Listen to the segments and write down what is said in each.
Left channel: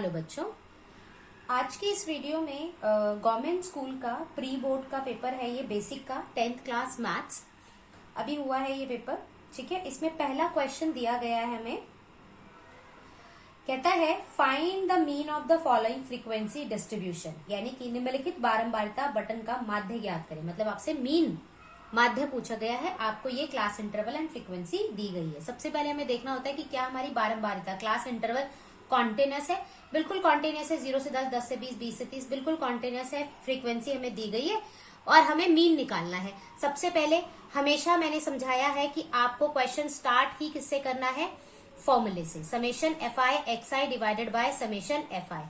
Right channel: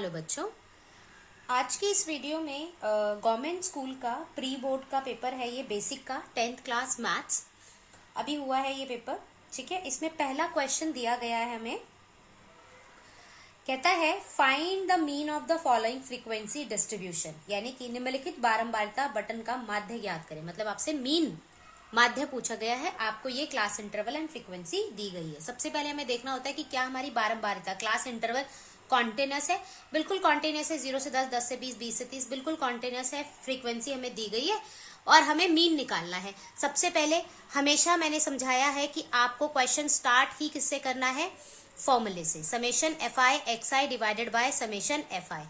Hello बच्चों, आज के इस वीडियो में गवर्नमेंट स्कूल का प्री बोर्ड का पेपर है। ये बेसिक का 10th क्लास मैथ्स अभी हुआ है ये पेपर। ठीक है, इसमें पहला क्वेश्चन दिया गया है हमें। कहता है find the mean of the following frequency distribution, यानी कि निम्नलिखित बारंबारता बटन का माध्य ज्ञात करें। मतलब आपसे मीन माध्य पूछा गया है, आपको ये क्लास इंटरवल एंड फ्रीक्वेंसी दी गई है। सबसे पहले हमें देखना होता है कि क्या हमारी बारंबारता क्लास इंटरवल कॉन्टिन्यूस है। बिल्कुल कॉन्टिन्यूस है, 0 से 10, 10 से 20, 20 से 30 बिल्कुल कॉन्टिन्यूस है। फ्रीक्वेंसी हमें दी गई है और हमें मीन निकालना है। सबसे पहले हमेशा मैंने समझाया है कि आपको क्वेश्चन स्टार्ट ही किससे करना है, फॉर्मूले से। Summation f I x I divided by summation f I.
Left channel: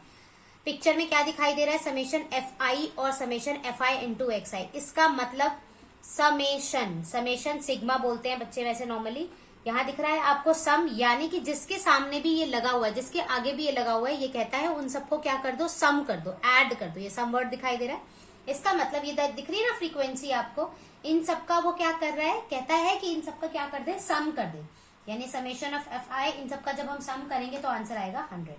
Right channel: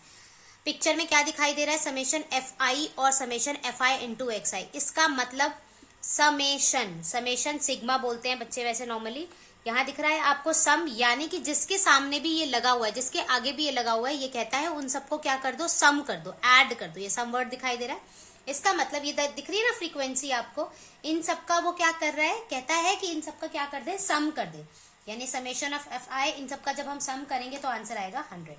Picture में क्या दिखाई दे रहा है, समेशन एफ आई और summation f I into x i. इसका मतलब समेशन सिग्मा बोलते हैं बच्चे वैसे नॉर्मली। यहाँ दिख रहा है आपको सम, यानी कि जिसके सामने भी ये लगा हुआ है, जिसके आगे भी ये लगा हुआ है, ये कहता है उन सबको क्या कर दो, सम कर दो, ऐड कर दो। ये सम वर्ड दिखाई दे रहा है। इसका मतलब ये दिख रही है ना फ्रीक्वेंसी आपको, इन सबका वो क्या कर रहा है, कहता है कि इन सबका क्या कर दे, सम कर दे। यानी समेशन ऑफ एफ आई, इन सबका जब हम सम करेंगे तो आंसर आएगा 100।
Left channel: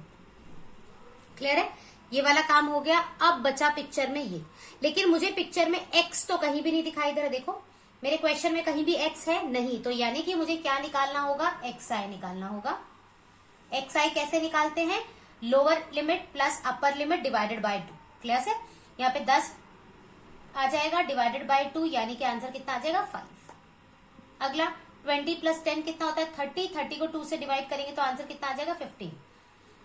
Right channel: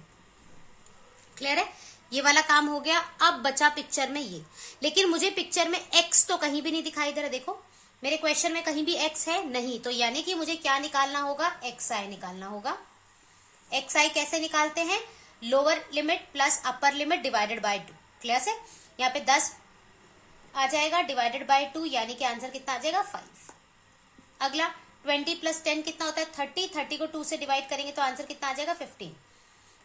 क्लियर है, ये वाला काम हो गया। अब बचा पिक्चर में ये, लेकिन मुझे पिक्चर में एक्स तो कहीं भी नहीं दिखाई दे रहा। देखो मेरे क्वेश्चन में कहीं भी एक्स है नहीं, तो यानी कि मुझे क्या निकालना होगा, एक्स आई निकालना होगा। एक्स आई कैसे निकालते हैं, lower limit plus upper limit divided by 2। Clear है, यहाँ पे 10 आ जाएगा डिवाइडेड बाय 2, यानी कि आंसर कितना आ जाएगा 5। अगला 20 प्लस 10 कितना होता है 30। 30 को 2 से डिवाइड करेंगे तो आंसर कितना आ जाएगा 15।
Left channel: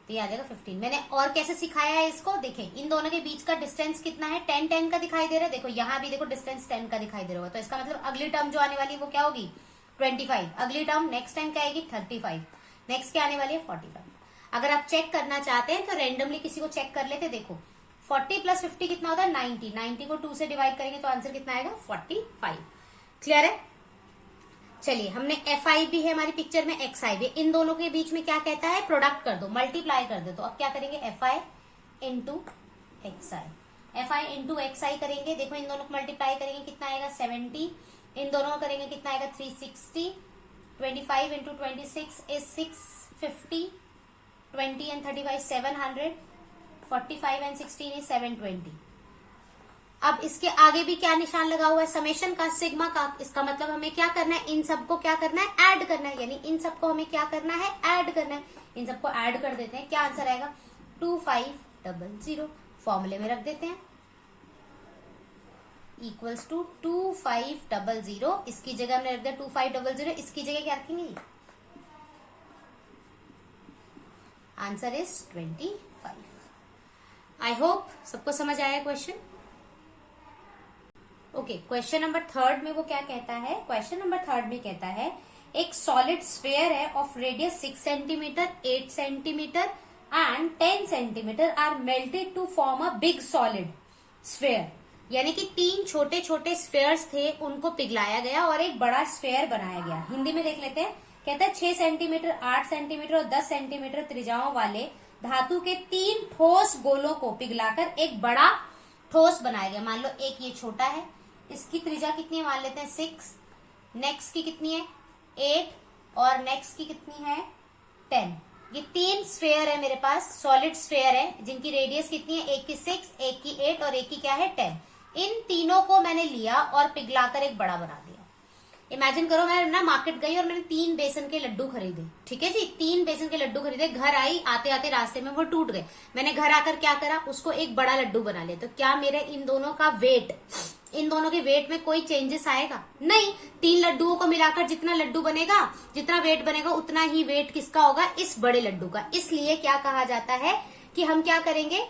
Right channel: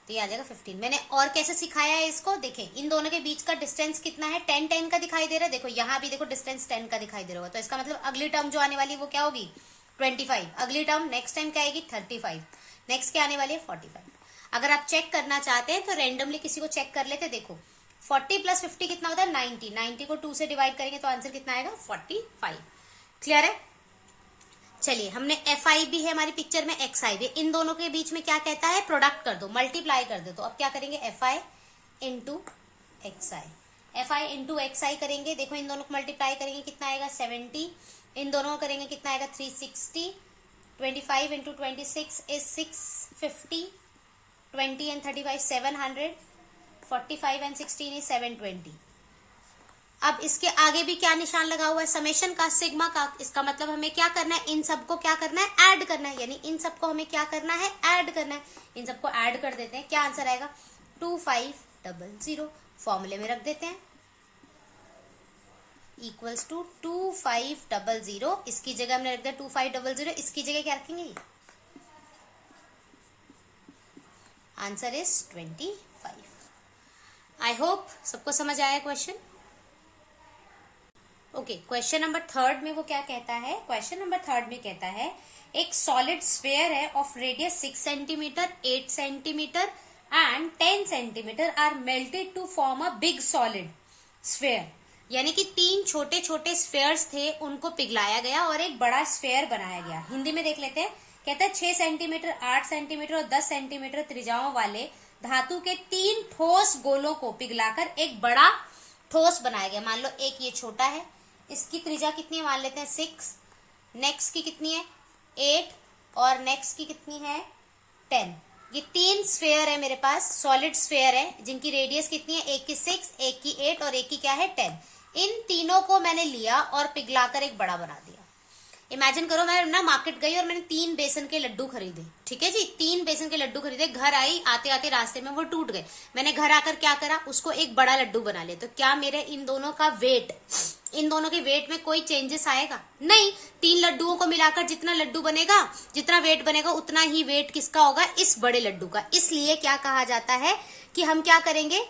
तो ये आ जाएगा 15। मैंने और कैसे सिखाया है इसको, देखें इन दोनों के बीच का डिस्टेंस कितना है, 10 10 का दिखाई दे रहा है। देखो यहाँ भी देखो डिस्टेंस 10 का दिखाई दे रहा होगा, तो इसका मतलब अगली टर्म जो आने वाली है वो क्या होगी 25। अगली टर्म नेक्स्ट टाइम क्या आएगी 35। नेक्स्ट क्या आने वाली है 45। अगर आप चेक करना चाहते हैं तो रेंडमली किसी को चेक कर लेते। देखो 40 प्लस 50 कितना होता है 90। 90 को 2 से डिवाइड करेंगे तो आंसर कितना आएगा 45। क्लियर है। चलिए, हमने एफ आई भी है हमारी पिक्चर में, एक्स आई भी। इन दोनों के बीच में क्या कहता है, प्रोडक्ट कर दो, मल्टीप्लाई कर दो। तो अब क्या करेंगे, F I into x I. F I into x I करेंगे, देखो इन दोनों को मल्टीप्लाई करेंगे कितना आएगा 70। इन दोनों को करेंगे कितना आएगा 360। 25 into 26 is 650। 20 and 35 700। 45 and 16 is 720। अब इसके आगे भी क्या निशान लगा हुआ है, समेशन का, सिग्मा का। इसका मतलब हमें क्या करना है, इन सबको क्या करना है, ऐड करना है। यानी इन सबको हमें क्या करना है, ऐड करना है। इन सबको ऐड कर देते हैं, क्या आंसर आएगा 2500। फॉर्मूले में रख देते हैं इक्वल्स टू 2500। इसकी जगह हमने रख दिया 2500, इसकी जगह क्या रखेंगे, आंसर इज 25। आई होप सबको समझ आया क्वेश्चन। ओके, क्वेश्चन नंबर 3 में वो क्या कहता है, क्वेश्चन नंबर 3 में कहता है एक सॉलिड स्फीयर है of radius 6 centimetre, 8 centimetre and 10 centimetre are melted to form a big solid sphere. यानी कि 3 छोटे छोटे स्फीयर्स थे, उनको पिघलाया गया और एक बड़ा स्फीयर बनाया गया। हिंदी में देख लेते हैं। कहता है 6 सेंटीमीटर, 8 सेंटीमीटर और 10 सेंटीमीटर त्रिज्याओं वाले धातु के 3 ठोस गोलों को पिघलाकर एक बड़ा ठोस बनाया गया। मान लो एक ये छोटा है, इसकी त्रिज्या कितनी है मान लेते हैं 6, नेक्स्ट की कितनी है 8 और नेक्स्ट की कितनी है 10। ये 3 स्फीयर है मेरे पास, सॉलिड स्फीयर है, जिनकी रेडियस कितनी है, एक की 6, एक की 8 और एक की क्या है 10। इन तीनों को मैंने लिया और पिघलाकर एक बड़ा बना दिया। इमेजिन करो मैं ना मार्केट गई और मैंने 3 बेसन के लड्डू खरीदे। ठीक है जी, 3 बेसन के लड्डू खरीदे, घर आई, आते आते रास्ते में वो टूट गए। मैंने घर आकर क्या करा, उसको एक बड़ा लड्डू बना लिया। तो क्या मेरे इन दोनों का वेट, इन दोनों के वेट में कोई चेंजेस आएगा, नहीं। 3 लड्डुओं को मिलाकर जितना लड्डू बनेगा, जितना वेट बनेगा, उतना ही वेट किसका होगा, इस बड़े लड्डू का। इसलिए क्या कहा जाता है कि हम क्या करेंगे,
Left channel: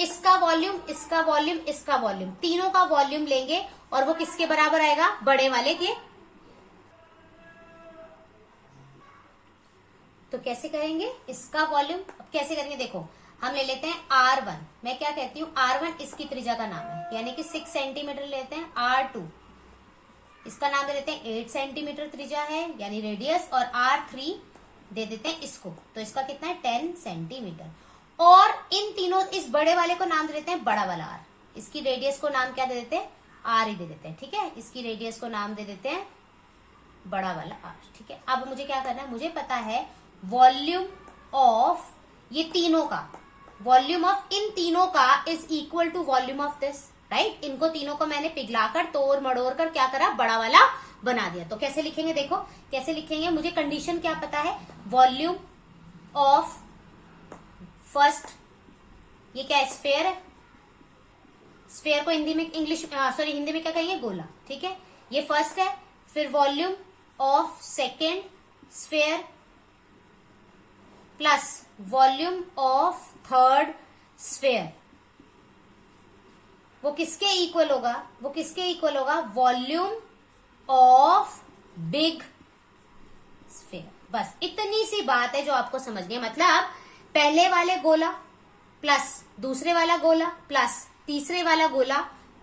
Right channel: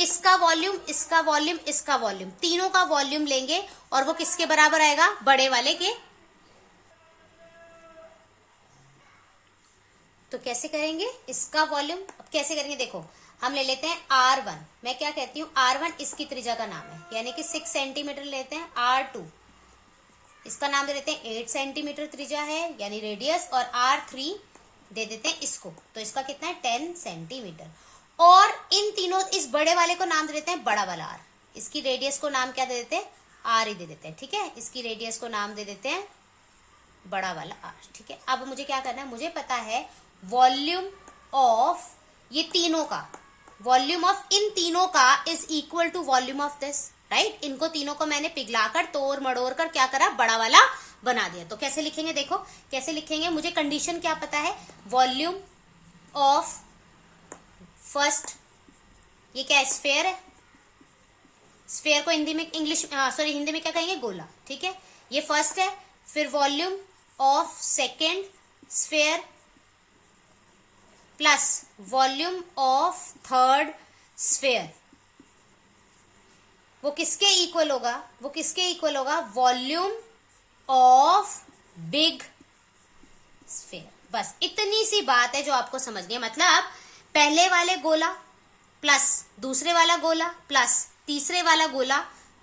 इसका वॉल्यूम, इसका वॉल्यूम, इसका वॉल्यूम, तीनों का वॉल्यूम लेंगे और वो किसके बराबर आएगा, बड़े वाले के। तो कैसे करेंगे इसका वॉल्यूम, कैसे करेंगे, देखो हम ले लेते हैं R1। मैं क्या कहती हूँ, R1 इसकी त्रिज्या का नाम है, यानी कि 6 सेंटीमीटर लेते हैं। R2 इसका नाम दे देते हैं 8 सेंटीमीटर त्रिज्या है, यानी रेडियस, और R3 दे देते हैं इसको, तो इसका कितना है 10 सेंटीमीटर। और इन तीनों, इस बड़े वाले को नाम दे देते हैं बड़ा वाला R, इसकी रेडियस को नाम क्या दे देते हैं, R ही दे देते हैं। ठीक है, इसकी रेडियस को नाम दे देते हैं बड़ा वाला R। ठीक है, अब मुझे क्या करना है, मुझे पता है वॉल्यूम ऑफ ये तीनों का वॉल्यूम ऑफ इन तीनों का is equal to volume of this, right. इनको तीनों को मैंने पिघलाकर तोड़ मड़ोड़ कर क्या करा, बड़ा वाला बना दिया। तो कैसे लिखेंगे, देखो कैसे लिखेंगे, मुझे कंडीशन क्या पता है, वॉल्यूम ऑफ फर्स्ट, ये क्या स्फेयर है, स्फेयर को हिंदी में हिंदी में क्या कहेंगे, गोला, ठीक है, ये फर्स्ट है। फिर volume of second sphere plus volume of third sphere, वो किसके इक्वल होगा, वो किसके इक्वल होगा, वॉल्यूम ऑफ बिग स्फेयर। बस इतनी सी बात है जो आपको समझनी है। मतलब पहले वाले गोला प्लस दूसरे वाला गोला प्लस तीसरे वाला गोला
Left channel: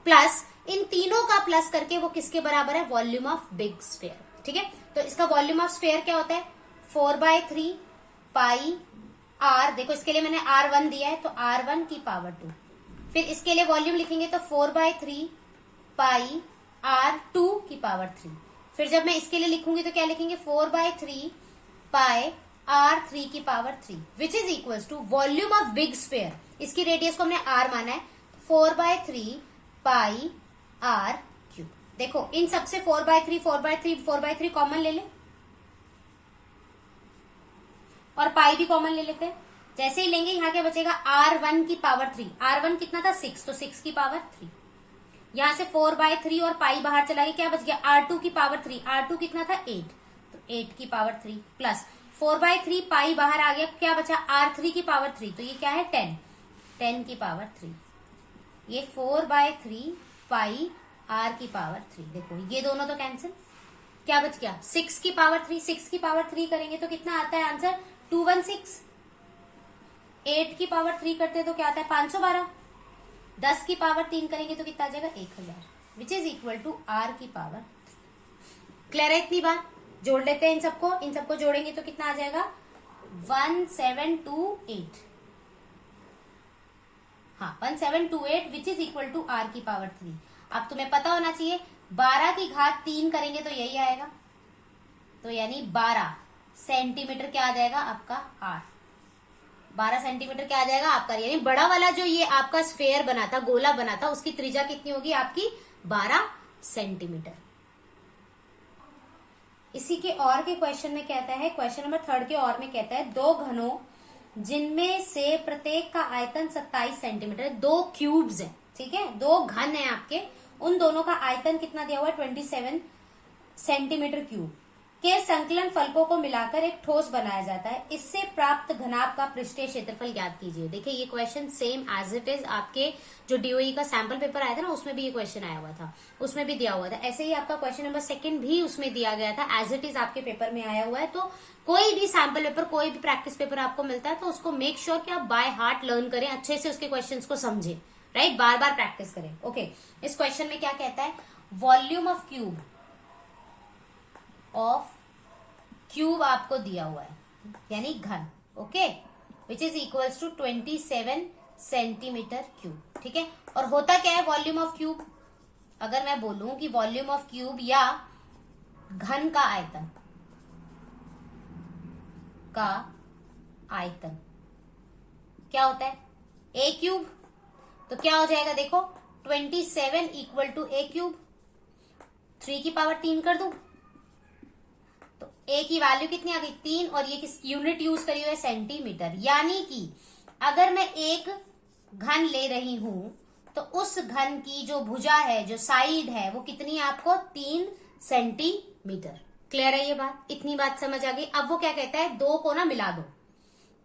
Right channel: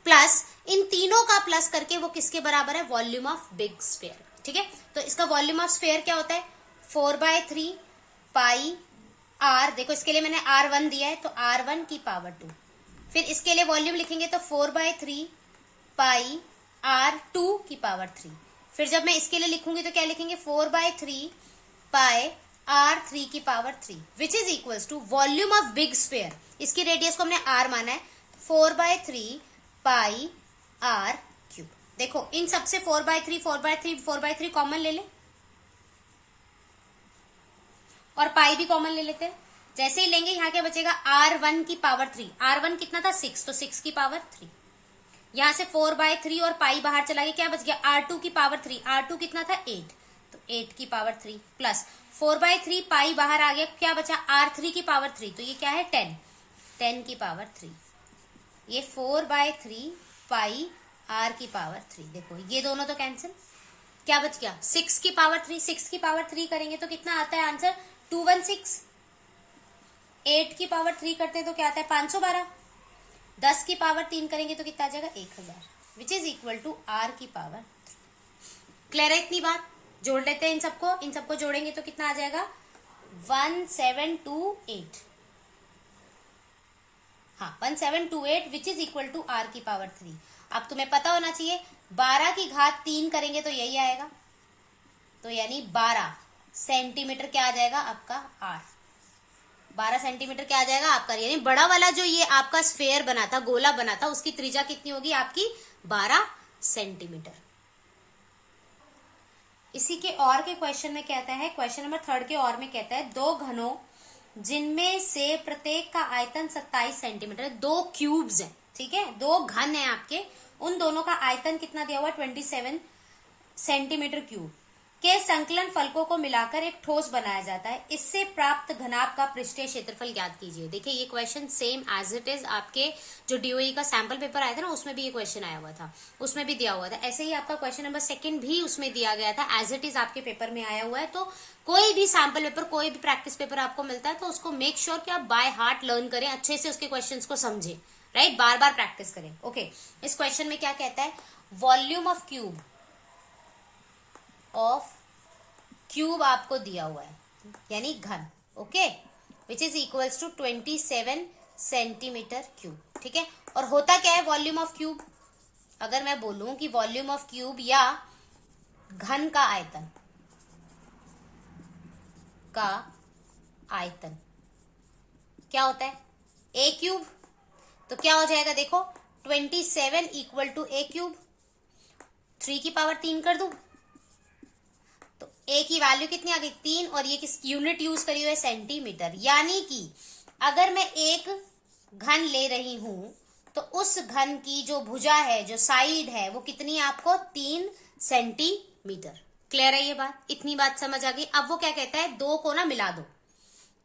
प्लस इन तीनों का प्लस करके वो किसके बराबर है, वॉल्यूम ऑफ बिग स्फेयर, ठीक है। तो इसका वॉल्यूम ऑफ स्फेयर क्या होता है, 4/3 पाई आर, देखो इसके लिए मैंने R1 दिया है तो R1 की पावर 2। फिर इसके लिए वॉल्यूम लिखेंगे तो 4/3 पाई R2 की पावर 3। फिर जब मैं इसके लिए लिखूंगी तो क्या लिखेंगे, 4/3 पाई R3 की power 3 which is equals to volume of big sphere. इसकी रेडियस को हमने R माना है, 4/3 पाई R3। देखो इन सबसे 4/3 कॉमन ले ले और पाई भी कॉमन ले लेते हैं। जैसे ही लेंगे यहाँ क्या बचेगा, R1 की पावर 3, R1 कितना था 6, तो 6 की पावर 3। यहां से 4/3 और पाई बाहर चला गया, क्या बच गया, R2 की पावर 3, R2 कितना था 8, तो 8 की पावर 3 प्लस 4/3 पाई बाहर आ गया, क्या बचा, R3 की पावर 3, तो ये क्या है 10 की पावर 3। ये 4/3 पाई R की पावर 3, देखो ये दोनों तो कैंसिल, क्या बच गया 6 की पावर 3, 6 की पावर 3 करेंगे तो कितना आता है आंसर, 216। 8 की पावर 3 करते हैं तो क्या आता है 512। 10 की पावर 3 करेंगे तो कितना आ जाएगा 1000, which is equal to R की पावर 3। क्लियर है इतनी बात, जोड़ लेते हैं इन सबको जोड़ेंगे तो कितना आ जाएगा 1728, हाँ 1728 which is equal to R की पावर 3। अब तुम्हें पता होना चाहिए 12 की घात 3 करेंगे तो यही आएगा, तो यानी 12 सेंटीमीटर क्या आ जाएगा आपका R, 12 सेंटीमीटर क्या आ जाएगा आपका, यानी बड़ा वाला जो ये आपका स्फेयर बना था, गोला बना था, उसकी त्रिज्या कितनी होगी आपकी 12 सेंटीमीटर। इसी के और के क्वेश्चन में कहता है, क्वेश्चन नंबर 3 के और में कहता है, दो घनों जिनमें से प्रत्येक का आयतन 27 सेंटीमीटर, दो क्यूब्स हैं, ठीक है, दो घन है आपके, उन दोनों का आयतन कितना दिया हुआ है 27 सेंटीमीटर क्यूब के संकलन फलकों को मिलाकर एक ठोस बनाया जाता है, इससे प्राप्त घनाभ का पृष्ठीय क्षेत्रफल ज्ञात कीजिए। देखिए ये question same as it is आपके जो डीओई का सैंपल पेपर आया था ना, उसमें भी ये क्वेश्चन आया हुआ था, उसमें भी दिया हुआ था। ऐसे ही आपका क्वेश्चन नंबर 2 भी उसमें दिया गया था, एज इट इज आपके पेपर में आया हुआ है। तो कोई भी सैंपल पेपर, कोई भी प्रैक्टिस पेपर आपको मिलता है तो उसको मेक श्योर कि आप बाय हार्ट लर्न करें, अच्छे से उसके क्वेश्चन को समझें, राइट, बार बार प्रैक्टिस करें। ओके, इस क्वेश्चन में क्या कहता है, वॉल्यूम ऑफ क्यूब आपको दिया हुआ है, यानी घन, okay, which is equals to 27 centimetre cube, ठीक है। और होता क्या है वॉल्यूम ऑफ क्यूब, अगर मैं बोलूं कि वॉल्यूम ऑफ क्यूब या घन का आयतन क्या होता है, ए क्यूब, तो क्या हो जाएगा देखो 27 इक्वल टू ए क्यूब, 3 की पावर 3 कर दूं तो ए की वैल्यू कितनी आ गई 3, और ये किस यूनिट यूज करी हुई है सेंटीमीटर, यानी कि अगर मैं एक घन ले रही हूं तो उस घन की जो भुजा है, जो साइड है, वो कितनी है आपको 3 सेंटीमीटर। क्लियर है ये बात, इतनी बात समझ आ गई। अब वो क्या कहता है, 2 को ना मिला दो,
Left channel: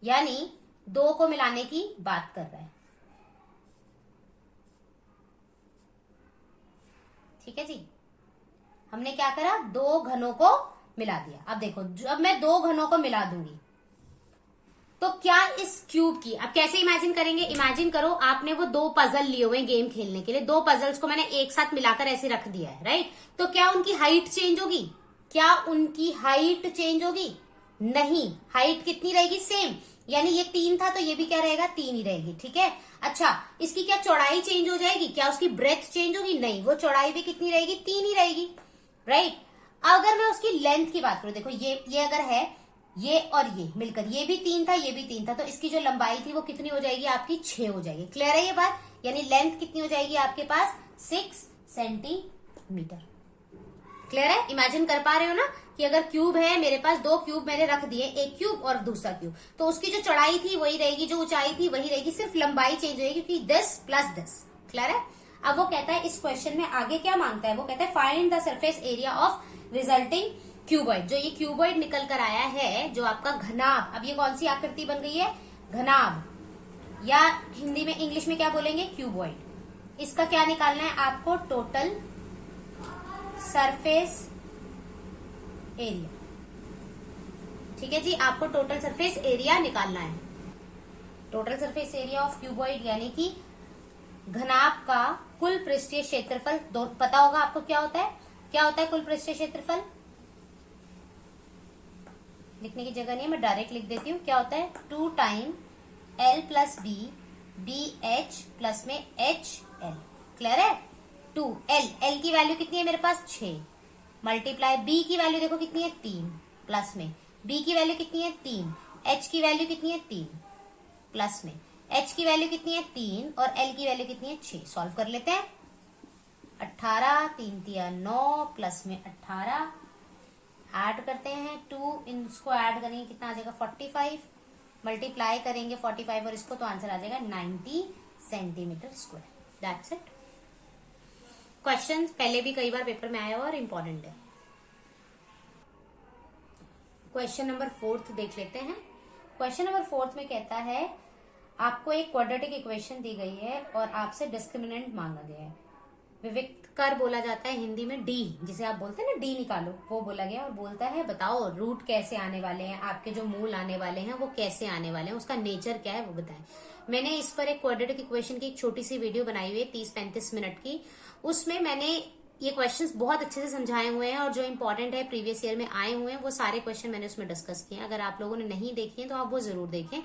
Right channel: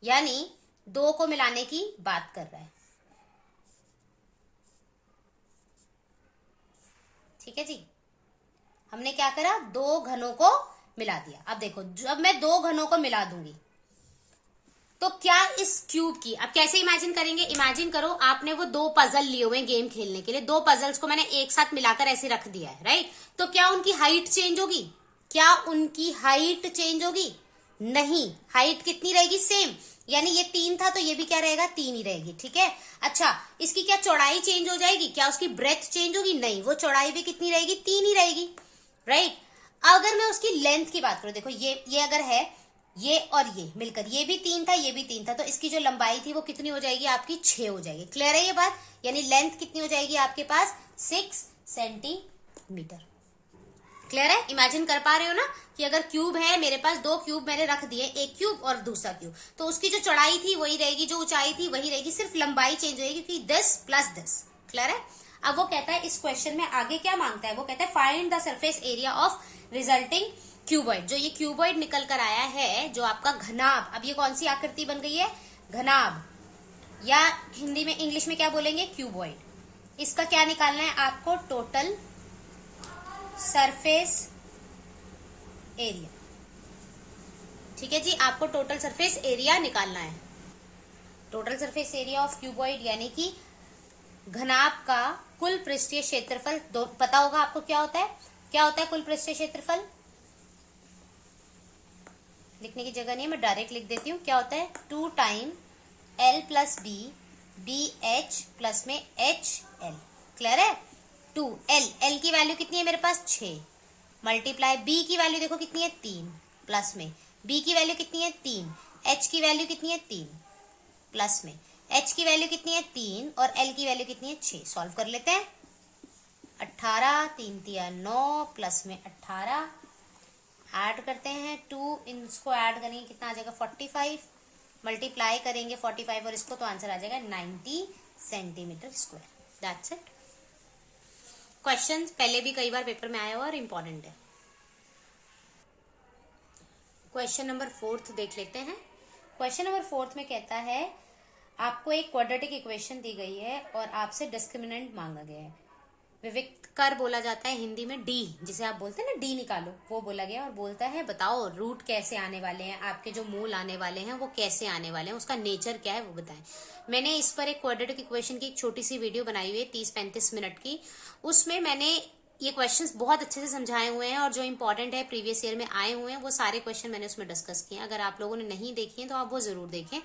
यानी 2 को मिलाने की बात कर रहा है, ठीक है जी। हमने क्या करा, 2 घनों को मिला दिया। अब देखो जब मैं 2 घनों को मिला दूंगी तो क्या इस क्यूब की, अब कैसे इमेजिन करेंगे, इमेजिन करो आपने वो 2 पजल लिए हुए गेम खेलने के लिए, 2 पजल्स को मैंने एक साथ मिलाकर ऐसे रख दिया है, राइट, तो क्या उनकी हाइट चेंज होगी, क्या उनकी हाइट चेंज होगी, नहीं, हाइट कितनी रहेगी सेम, यानी ये 3 था तो ये भी क्या रहेगा 3 ही रहेगी, ठीक है। अच्छा, इसकी क्या चौड़ाई चेंज हो जाएगी, क्या उसकी ब्रेथ चेंज होगी, नहीं, वो चौड़ाई भी कितनी रहेगी 3 ही रहेगी, राइट। अगर मैं उसकी लेंथ की बात करूं, देखो ये अगर है ये और ये मिलकर, ये भी 3 था, ये भी 3 था, तो इसकी जो लंबाई थी वो कितनी हो जाएगी आपकी, 6 हो जाएगी। क्लियर है ये बात? यानी लेंथ कितनी हो जाएगी आपके पास, 6 सेंटीमीटर। क्लियर है? इमेजिन कर पा रहे हो ना कि अगर क्यूब है मेरे पास, 2 क्यूब मैंने रख दिए, एक क्यूब और दूसरा क्यूब, तो उसकी जो चौड़ाई थी वही रहेगी, जो ऊंचाई थी वही रहेगी, सिर्फ लंबाई चेंज होगी, क्योंकि 10 + 10। क्लियर है? अब वो कहता है इस क्वेश्चन में आगे क्या मांगता है, वो कहता है find the surface area of resulting cuboid. जो ये क्यूबॉइड निकल कर आया है, जो आपका घनाभ, अब ये कौन सी आकृति बन गई है, घनाभ, या हिंदी में इंग्लिश में क्या बोलेंगे, क्यूबॉइड। इसका क्या निकालना है आपको, टोटल सरफेस एरिया। ठीक है जी, आपको टोटल सरफेस एरिया निकालना है। Total surface area of cuboid यानी कि घनाभ का कुल पृष्ठीय क्षेत्रफल। पता होगा आपको क्या होता है, क्या होता है कुल पृष्ठीय क्षेत्रफल? लिखने की जगह नहीं है, मैं डायरेक्ट लिख देती हूँ। क्या होता है, 2 time L + B BH plus में HL। क्लियर है? 2L, L की वैल्यू कितनी है मेरे पास, 6, मल्टीप्लाई B की वैल्यू देखो कितनी है, 3, प्लस में B की वैल्यू कितनी है, 3, H की वैल्यू कितनी है, 3, प्लस में H की वैल्यू कितनी है, 3, और L की वैल्यू कितनी है, 6। सॉल्व कर लेते हैं। 18, 3 × 9 प्लस में 18, ऐड करते हैं 2, इसको ऐड करेंगे कितना आ जाएगा, 45, मल्टीप्लाई करेंगे 45 और इसको, तो आंसर आ जाएगा 90 centimetre square. That's it. Question पहले भी कई बार पेपर में आया हुआ और इम्पोर्टेंट है। क्वेश्चन नंबर 4 देख लेते हैं। क्वेश्चन नंबर 4 में कहता है आपको एक क्वाड्रेटिक इक्वेशन दी गई है और आपसे डिस्क्रिमिनेंट मांगा गया है। विविक्त कर बोला जाता है हिंदी में, डी जिसे आप बोलते हैं ना, डी निकालो, वो बोला गया। और बोलता है बताओ रूट कैसे आने वाले हैं, आपके जो मूल आने वाले हैं वो कैसे आने वाले हैं, उसका नेचर क्या है वो बताएं। मैंने इस पर एक क्वाड्रेटिक इक्वेशन की एक छोटी सी वीडियो बनाई हुई है 30-35 मिनट की। उसमें मैंने ये क्वेश्चंस बहुत अच्छे से समझाए हुए हैं और जो इंपॉर्टेंट है प्रीवियस ईयर में आए हुए हैं वो सारे क्वेश्चन मैंने उसमें डिस्कस किए हैं। अगर आप लोगों ने नहीं देखे हैं तो आप वो जरूर देखें।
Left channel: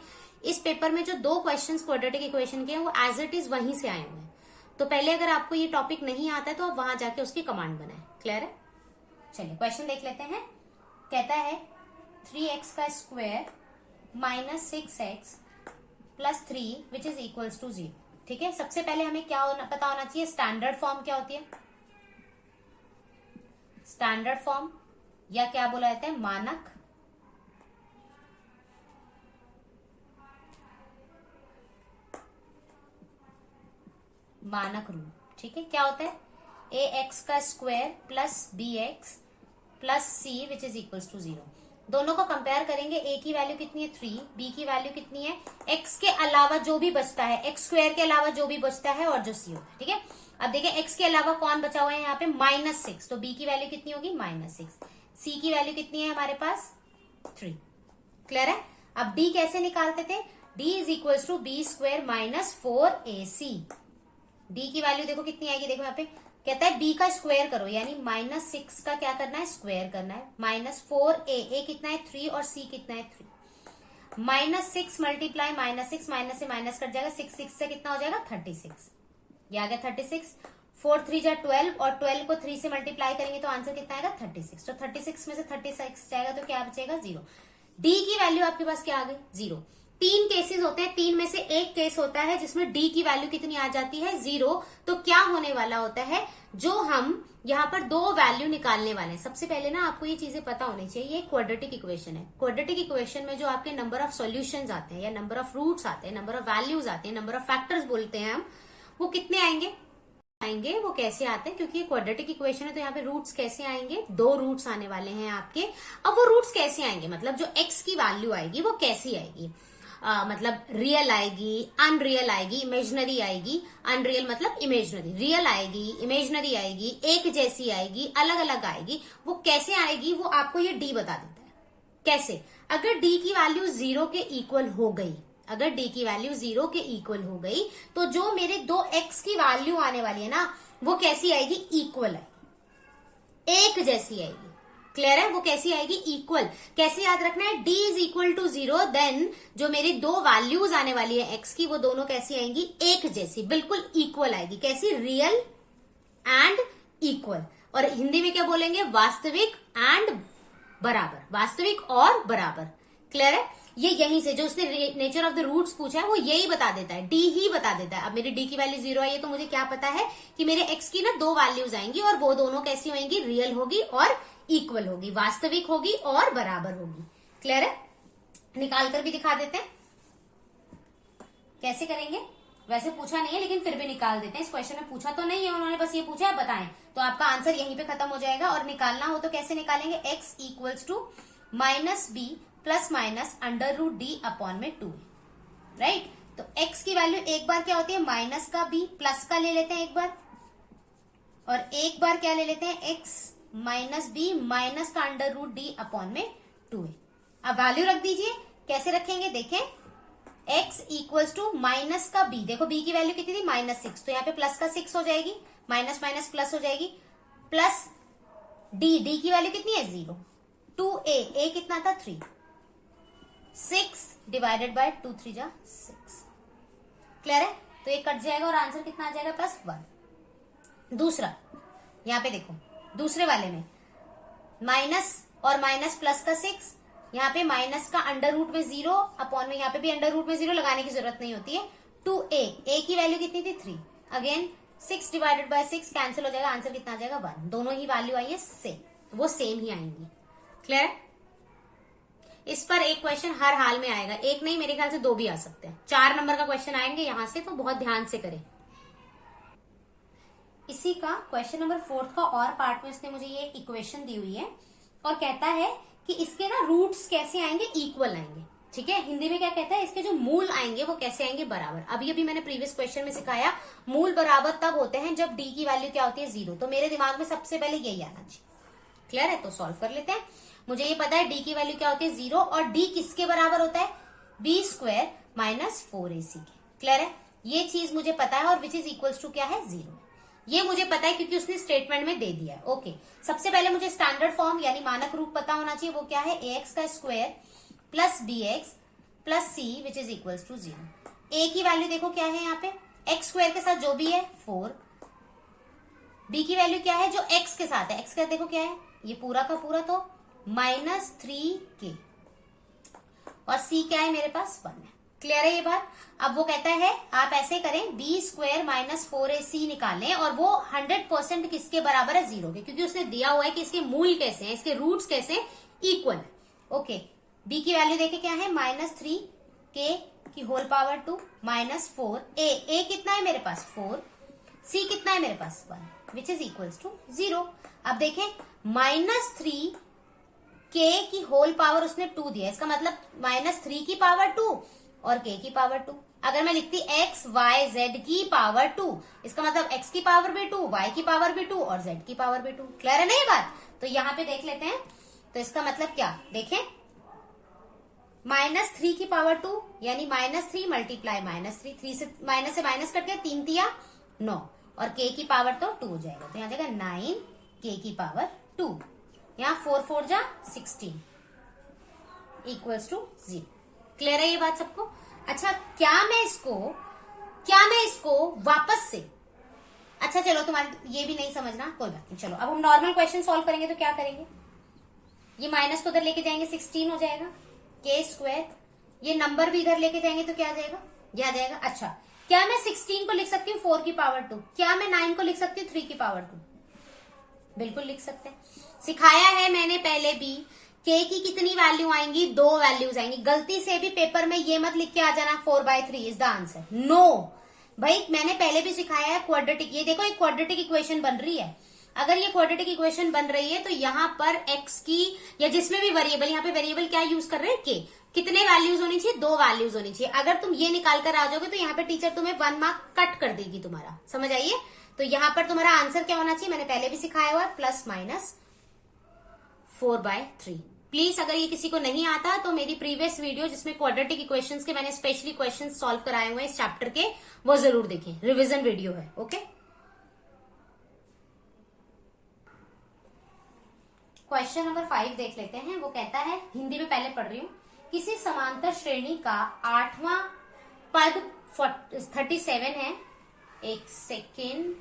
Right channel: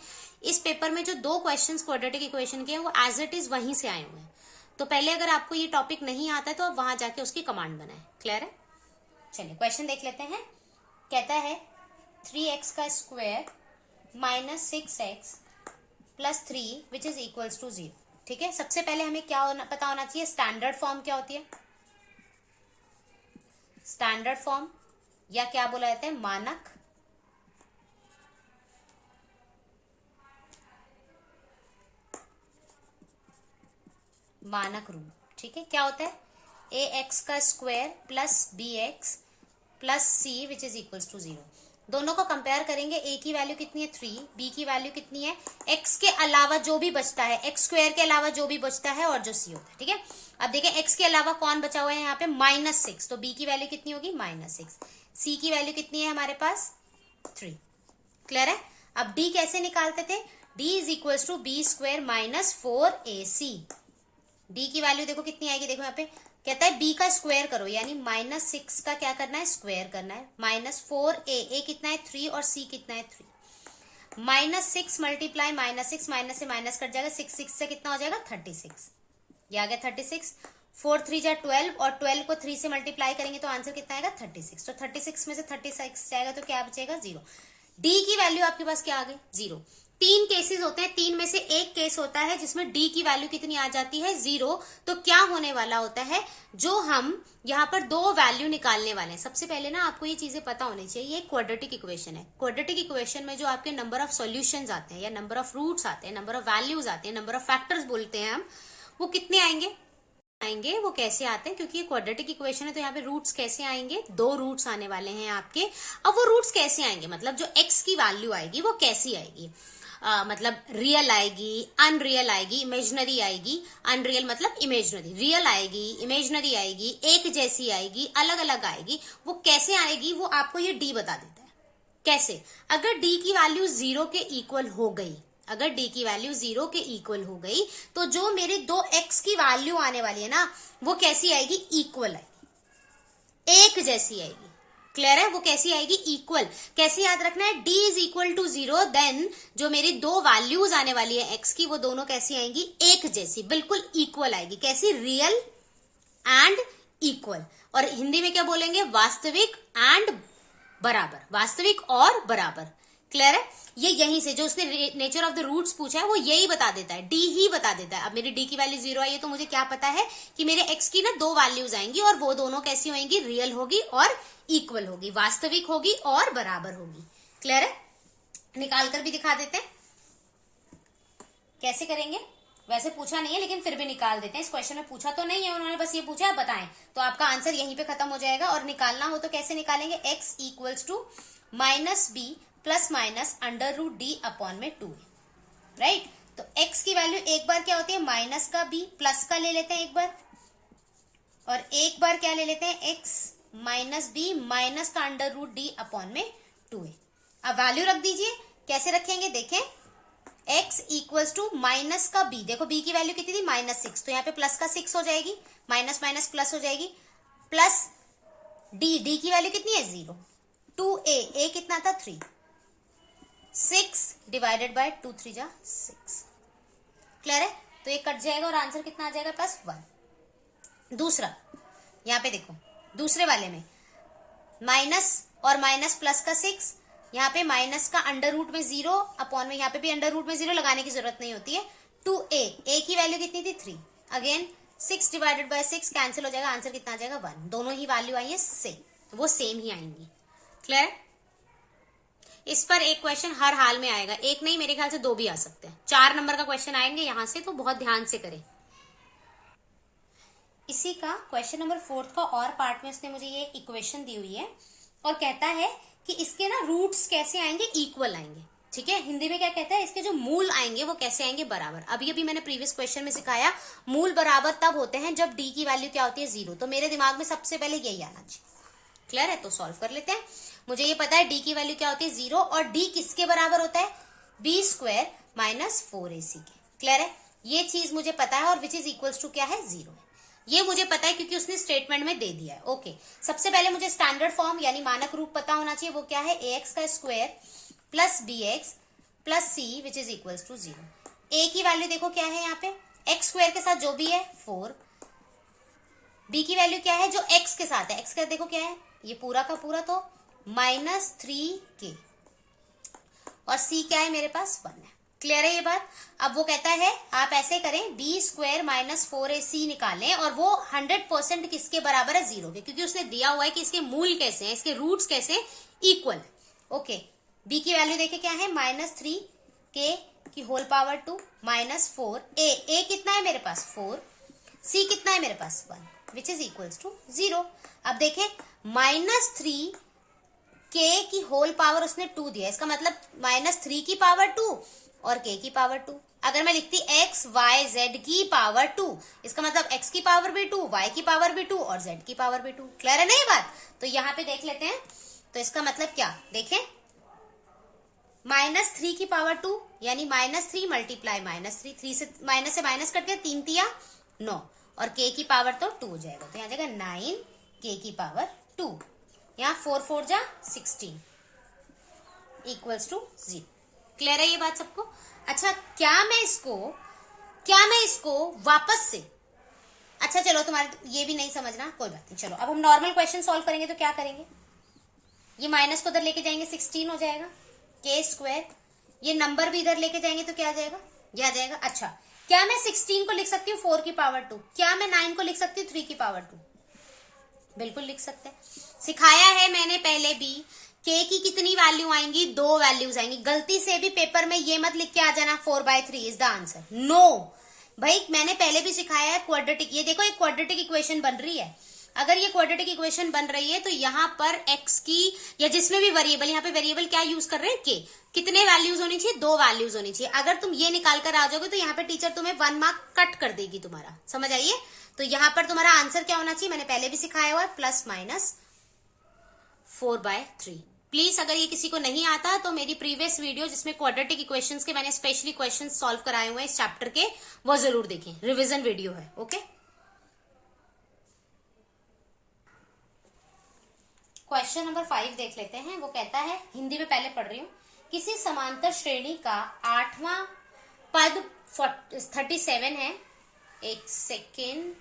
इस पेपर में जो 2 क्वेश्चन क्वाड्रेटिक इक्वेशन के हैं वो एज इट इज वहीं से आए हुए हैं। तो पहले अगर आपको ये टॉपिक नहीं आता है तो आप वहां जाके उसकी कमांड बनाएं। क्लियर है? चलिए क्वेश्चन देख लेते हैं। कहता है 3x का square - 6x + 3 which is equals to 0। ठीक है, सबसे पहले हमें क्या पता होना चाहिए, स्टैंडर्ड फॉर्म क्या होती है। स्टैंडर्ड फॉर्म या क्या बोला जाता है, मानक रूप। ठीक है, क्या होता है, ax का square + bx + c which is equals to 0। दोनों को कंपेयर करेंगे। a की वैल्यू कितनी है, 3, b की वैल्यू कितनी है, x के अलावा जो भी बचता है, x स्क्वायर के अलावा जो भी बचता है और जो c होता है। ठीक है, अब देखिए x के अलावा कौन बचा हुआ है यहाँ पे, -6, तो b की वैल्यू कितनी होगी, -6, c की वैल्यू कितनी है हमारे पास, 3। क्लियर है? अब d कैसे निकालते थे, d is equals to b² - 4ac। d की वैल्यू देखो कितनी आएगी, देखो यहाँ पे कहता है b का स्क्वायर करो, यानी -6 का क्या करना है, स्क्वायर करना है, -4a कितना है, 3, और c कितना है, 3, -6 मल्टीप्लाई -6, माइनस से माइनस कट जाएगा, 6 से कितना हो जाएगा, 36, ये आ गया 36, 4 3 जा 12, और 12 को 3 से मल्टीप्लाई करेंगे तो आंसर कितना आएगा, 36। तो 36 में से 36 जाएगा तो क्या बचेगा, 0। d की वैल्यू आपके पास क्या आ गई, 0। 3 केसेस होते हैं, 3 में से एक केस होता है जिसमें d की वैल्यू कितनी आ जाती है, 0। तो क्या होने वाला होता है, जो हम यहाँ पर 2 वैल्यू निकालने वाले हैं। सबसे पहले ना आपको ये चीजें पता होनी चाहिए, ये क्वाड्रेटिक इक्वेशन है। क्वाड्रेटिक इक्वेशन में जो आपके नंबर ऑफ सॉल्यूशंस आते हैं, या नंबर ऑफ रूट्स आते हैं, नंबर ऑफ वैल्यूज आते हैं, नंबर ऑफ फैक्टर्स बोलते हैं हम, वो कितने आएंगे, वो कैसे आते हैं, क्योंकि ये क्वाड्रेटिक इक्वेशन है तो यहाँ पे रूट्स कैसे आएंगे, 2 रूट्स आने वाले हैं आपके। अब वो रूट्स कैसे आएंगे, मतलब जो x की वैल्यू आएगी वो कैसी आएगी, मतलब रियल आएगी, अनरियल आएगी, इमेजनरी आएगी। अनरियल मतलब इमेजनरी, रियल आएगी, इमेजनरी आएगी, एक जैसी आएगी, अलग अलग आएगी। वो कैसे आएगी वो आपको ये d बता देता है। कैसे, अगर d की वैल्यू 0 के इक्वल हो गई, अगर d की वैल्यू 0 के इक्वल हो गई तो जो मेरे 2x की वैल्यू आने वाली है ना, वो कैसी आएगी, इक्वल आएगी, एक जैसी आएगी। क्लियर है? वो कैसी आएगी, इक्वल। कैसे याद रखना है, d is equal to 0, then जो मेरी 2 वैल्यूज आने वाली है x की, वो दोनों कैसी आएंगी, एक जैसी, बिल्कुल इक्वल आएगी। कैसी, रियल एंड इक्वल। और हिंदी में क्या बोलेंगे, वास्तविक एंड बराबर, वास्तविक और बराबर। क्लियर है? ये यहीं से जो उसने नेचर ऑफ द रूट्स पूछा है वो यही बता देता है, डी ही बता देता है। अब मेरी डी की वैल्यू 0 आई है तो मुझे क्या पता है कि मेरे एक्स की ना दो वैल्यूज आएंगी और वो दोनों कैसी होंगी, रियल होगी और इक्वल होगी, वास्तविक होगी और बराबर होगी। क्लियर है? निकाल कर भी दिखा देते हैं, कैसे करेंगे? वैसे पूछा नहीं है लेकिन फिर भी निकाल देते हैं। इस क्वेश्चन में पूछा तो नहीं है, उन्होंने बस ये पूछा है बताएं, तो आपका आंसर यहीं पे खत्म हो जाएगा। और निकालना हो तो कैसे निकालेंगे? x equals to minus B plus minus under root D upon में 2, राइट? तो x की वैल्यू एक बार क्या होती है, माइनस का b, प्लस का ले लेते हैं एक बार, और एक बार क्या ले लेते हैं, x माइनस बी माइनस का अंडर रूट डी अपॉन में 2। अब वैल्यू रख दीजिए, कैसे रखेंगे देखें, x इक्वल्स टू माइनस का b, देखो b की वैल्यू कितनी थी, -6, तो यहाँ पे प्लस का 6 हो जाएगी, माइनस माइनस प्लस हो जाएगी, प्लस d की वैल्यू कितनी है 0, 2a, a कितना था 3, 6 डिवाइडेड बाय 2 3 जा 6। क्लियर है? तो ये कट जाएगा और आंसर कितना आ जाएगा, +1। दूसरा, यहाँ पे देखो दूसरे वाले में माइनस और माइनस प्लस का 6, यहाँ पे माइनस का अंडर रूट में 0 अपॉन में, यहाँ पे भी अंडर रूट में 0 लगाने की जरूरत नहीं होती है, 2a, a की वैल्यू कितनी थी 3, अगेन 6 डिवाइडेड बाय 6 कैंसिल हो जाएगा, आंसर कितना आ जाएगा 1। दोनों ही वैल्यू आई है सेम, तो वो सेम ही आएंगी। क्लियर? इस पर एक क्वेश्चन हर हाल में आएगा, एक नहीं मेरे ख्याल से 2 भी आ सकते हैं, 4 नंबर का क्वेश्चन आएंगे यहां से, तो बहुत ध्यान से करें। इसी का क्वेश्चन नंबर 4 का और पार्ट में उसने मुझे ये इक्वेशन दी हुई है और कहता है कि इसके ना रूट्स कैसे आएंगे, इक्वल आएंगे। ठीक है, हिंदी में क्या कहता है, इसके जो मूल आएंगे वो कैसे आएंगे, बराबर। अभी अभी मैंने प्रीवियस क्वेश्चन में सिखाया, मूल बराबर तब होते हैं जब डी की वैल्यू क्या होती है 0, तो मेरे दिमाग में सबसे पहले यही आना चाहिए। क्लियर है? तो सॉल्व कर लेते हैं। मुझे ये पता है डी की वैल्यू क्या होती है 0, और डी किसके बराबर होता है, b² माइनस 4ac के। क्लियर है? ये चीज मुझे पता है, और विच इज इक्वल्स टू क्या है 0, ये मुझे पता है क्योंकि उसने स्टेटमेंट में दे दिया है। ओके, सबसे पहले मुझे स्टैंडर्ड फॉर्म यानी मानक रूप पता होना चाहिए, वो क्या है, ax का square plus bx plus c which is equals to 0। a की वैल्यू देखो क्या है यहाँ पे, x स्क्वायर के साथ जो भी है 4, b की वैल्यू क्या है जो x के साथ है, x का देखो क्या है, ये पूरा का पूरा तो -3k, और c क्या है मेरे पास 1 है। क्लियर है ये बात? अब वो कहता है आप ऐसे करें, b² माइनस 4ac निकालें, और वो 100% किसके बराबर है 0 के, क्योंकि उसने दिया हुआ है कि इसके मूल कैसे हैं, इसके रूट्स कैसे इक्वल है। ओके, b की वैल्यू देखे क्या है, -3k की होल पावर 2 माइनस 4, a कितना है मेरे पास 4, c कितना है मेरे पास 1 विच इज इक्वल्स टू 0। अब देखें -3k की होल पावर उसने 2 दिया, इसका मतलब -3 की पावर 2 और k की पावर 2। अगर मैं लिखती x y z की पावर 2, इसका मतलब x की पावर भी 2, y की पावर भी 2 और z की पावर भी 2। क्लियर है ना ये बात? तो यहाँ पे देख लेते हैं, तो इसका मतलब क्या देखें, -3 की पावर 2 यानी -3 मल्टीप्लाई -3, 3 से माइनस कट गया, 3 तिया 9, और k की पावर तो 2 हो जाएगा, तो यहाँ जाएगा 9k की पावर 2, यहाँ 4 4 जा 16 इक्वल्स टू 0। क्लियर है ये बात सबको? अच्छा, क्या मैं इसको वापस से, अच्छा चलो तुम्हारे ये भी नहीं समझना, कोई बात नहीं, चलो अब हम नॉर्मल क्वेश्चन सॉल्व करेंगे। तो क्या करेंगे, ये माइनस को इधर लेके जाएंगे 16 हो जाएगा k², ये नंबर भी इधर लेके जाएंगे तो क्या आ जाएगा, ये आ जाएगा। अच्छा, क्या मैं 16 को लिख सकती हूँ 4 की पावर 2, क्या मैं 9 को लिख सकती हूँ 3 की पावर 2? बिल्कुल लिख सकते हैं, सिखाया है मैंने पहले भी, k की कितनी वैल्यू आएंगी, 2 वैल्यूज आएंगी। गलती से भी पेपर में ये मत लिख के आ जाना 4/3 इज द आंसर, नो भाई, मैंने पहले भी सिखाया है क्वाड्रेटिक। ये देखो एक क्वाड्रेटिक इक्वेशन बन रही है, अगर ये क्वाड्रेटिक इक्वेशन बन रही है तो यहाँ पर x की या जिसमें भी वेरिएबल, यहाँ पे वेरिएबल क्या यूज कर रहे हैं k, कितने वैल्यूज होनी चाहिए, 2 वैल्यूज होनी चाहिए। अगर तुम ये निकाल कर आ जाओगे तो यहाँ पे टीचर तुम्हें 1 मार्क कट कर देगी तुम्हारा, समझ आइए। तो यहाँ पर तुम्हारा आंसर क्या होना चाहिए, मैंने पहले भी सिखाया हुआ है, +/4/3। प्लीज अगर ये किसी को नहीं आता तो मेरी प्रीवियस वीडियो जिसमें क्वाड्रेटिक इक्वेशंस के मैंने स्पेशली क्वेश्चंस सॉल्व कराए हुए हैं इस चैप्टर के, वो जरूर देखें, रिवीजन वीडियो है। ओके, क्वेश्चन नंबर 5 देख लेते हैं। वो कहता है, हिंदी में पहले पढ़ रही हूँ, किसी समांतर श्रेणी का 8वां पद 37 है, एक सेकेंड,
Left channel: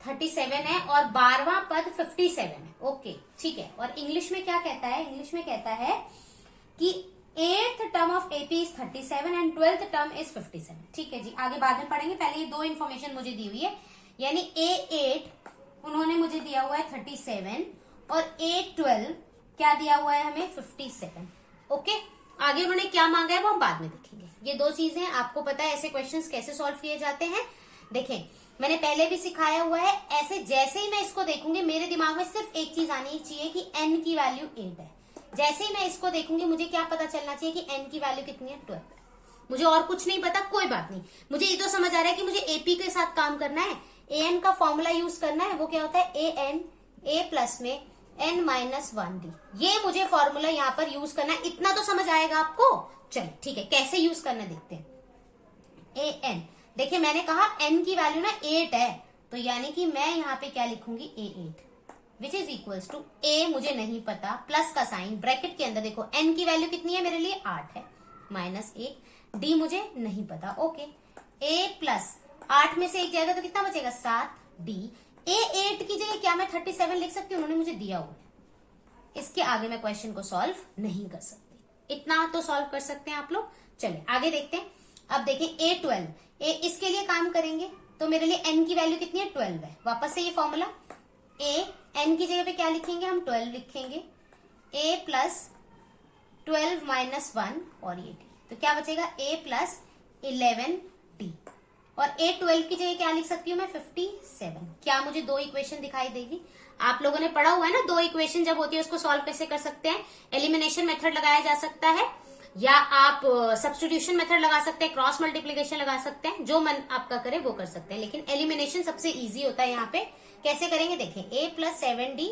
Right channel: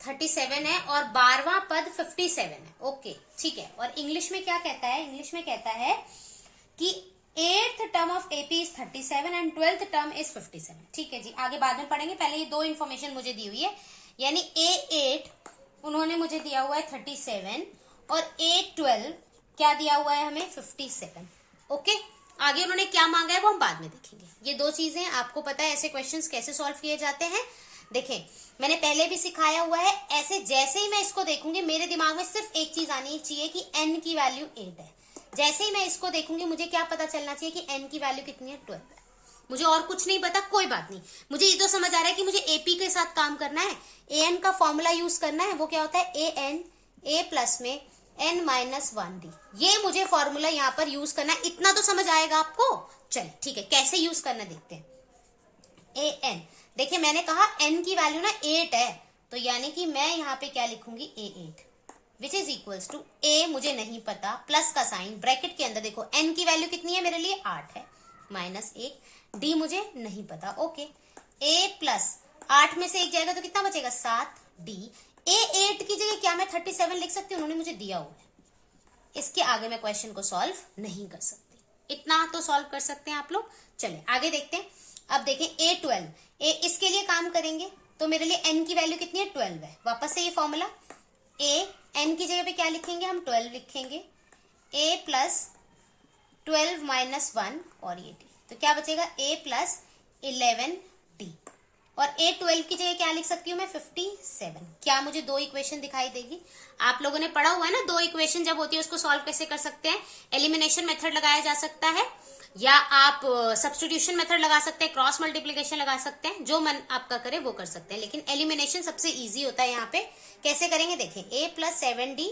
37 है, और 12वां पद 57 है। ओके ठीक है, और इंग्लिश में क्या कहता है, इंग्लिश में कहता है AP is 37 and 12th term is 57। ठीक है जी, आगे बाद में पढ़ेंगे, पहले ये दो इन्फॉर्मेशन मुझे दी हुई है, यानी A8 उन्होंने मुझे दिया हुआ है 37 और A12 क्या दिया हुआ है हमें 57। ओके, आगे उन्होंने क्या मांगा है वो हम बाद में देखेंगे। ये दो चीजें आपको पता है ऐसे क्वेश्चंस कैसे सॉल्व किए जाते हैं। देखें, मैंने पहले भी सिखाया हुआ है, ऐसे जैसे ही मैं इसको देखूंगी मेरे दिमाग में सिर्फ एक चीज आनी चाहिए कि n की वैल्यू 8 है। जैसे ही मैं इसको देखूंगी मुझे क्या पता चलना चाहिए कि n की वैल्यू कितनी है, 12। मुझे और कुछ नहीं पता, कोई बात नहीं, मुझे ये तो समझ आ रहा है कि मुझे AP के साथ काम करना है, an का फॉर्मूला यूज करना है, वो क्या होता है an a प्लस में n-1d, ये मुझे फॉर्मूला यहाँ पर यूज करना है। इतना तो समझ आएगा आपको। चलिए ठीक है, कैसे यूज करना देखते हैं। an, देखिए मैंने कहा n की वैल्यू ना 8 है, तो यानी कि मैं यहाँ पे क्या लिखूंगी A8 which is equals to a मुझे नहीं पता, प्लस का साइन ब्रैकेट के अंदर, देखो n की वैल्यू कितनी है मेरे लिए 8 है, माइनस 1, d मुझे नहीं पता। ओके, a प्लस 8 में से 1 जाएगा तो कितना बचेगा 7, d A8 की जगह क्या मैं 37 लिख सकती हूँ, उन्होंने मुझे दिया हुआ है। इसके आगे मैं क्वेश्चन को सॉल्व नहीं कर सकती, इतना तो सॉल्व कर सकते हैं आप लोग। चलिए आगे देखते हैं। अब देखें A12, इसके लिए काम करेंगे तो मेरे लिए n की वैल्यू कितनी है 12 है। वापस से ये फॉर्मूला, a n की जगह पे क्या लिखेंगे हम 12 लिखेंगे, a प्लस 12 माइनस 1 और ये d, तो क्या बचेगा a प्लस 11d, और A12 की जगह क्या लिख सकती हूँ मैं 57। क्या मुझे दो इक्वेशन दिखाई देगी? आप लोगों ने पढ़ा हुआ है ना, दो इक्वेशन जब होती है उसको सॉल्व कैसे कर सकते हैं। एलिमिनेशन मेथड लगाया जा सकता है, या आप सब्स्टिट्यूशन मेथड लगा सकते हैं, क्रॉस मल्टीप्लिकेशन लगा सकते हैं, जो मन आपका करे वो कर सकते हैं, लेकिन एलिमिनेशन सबसे इजी होता है। यहाँ पे कैसे करेंगे देखिए, a प्लस 7d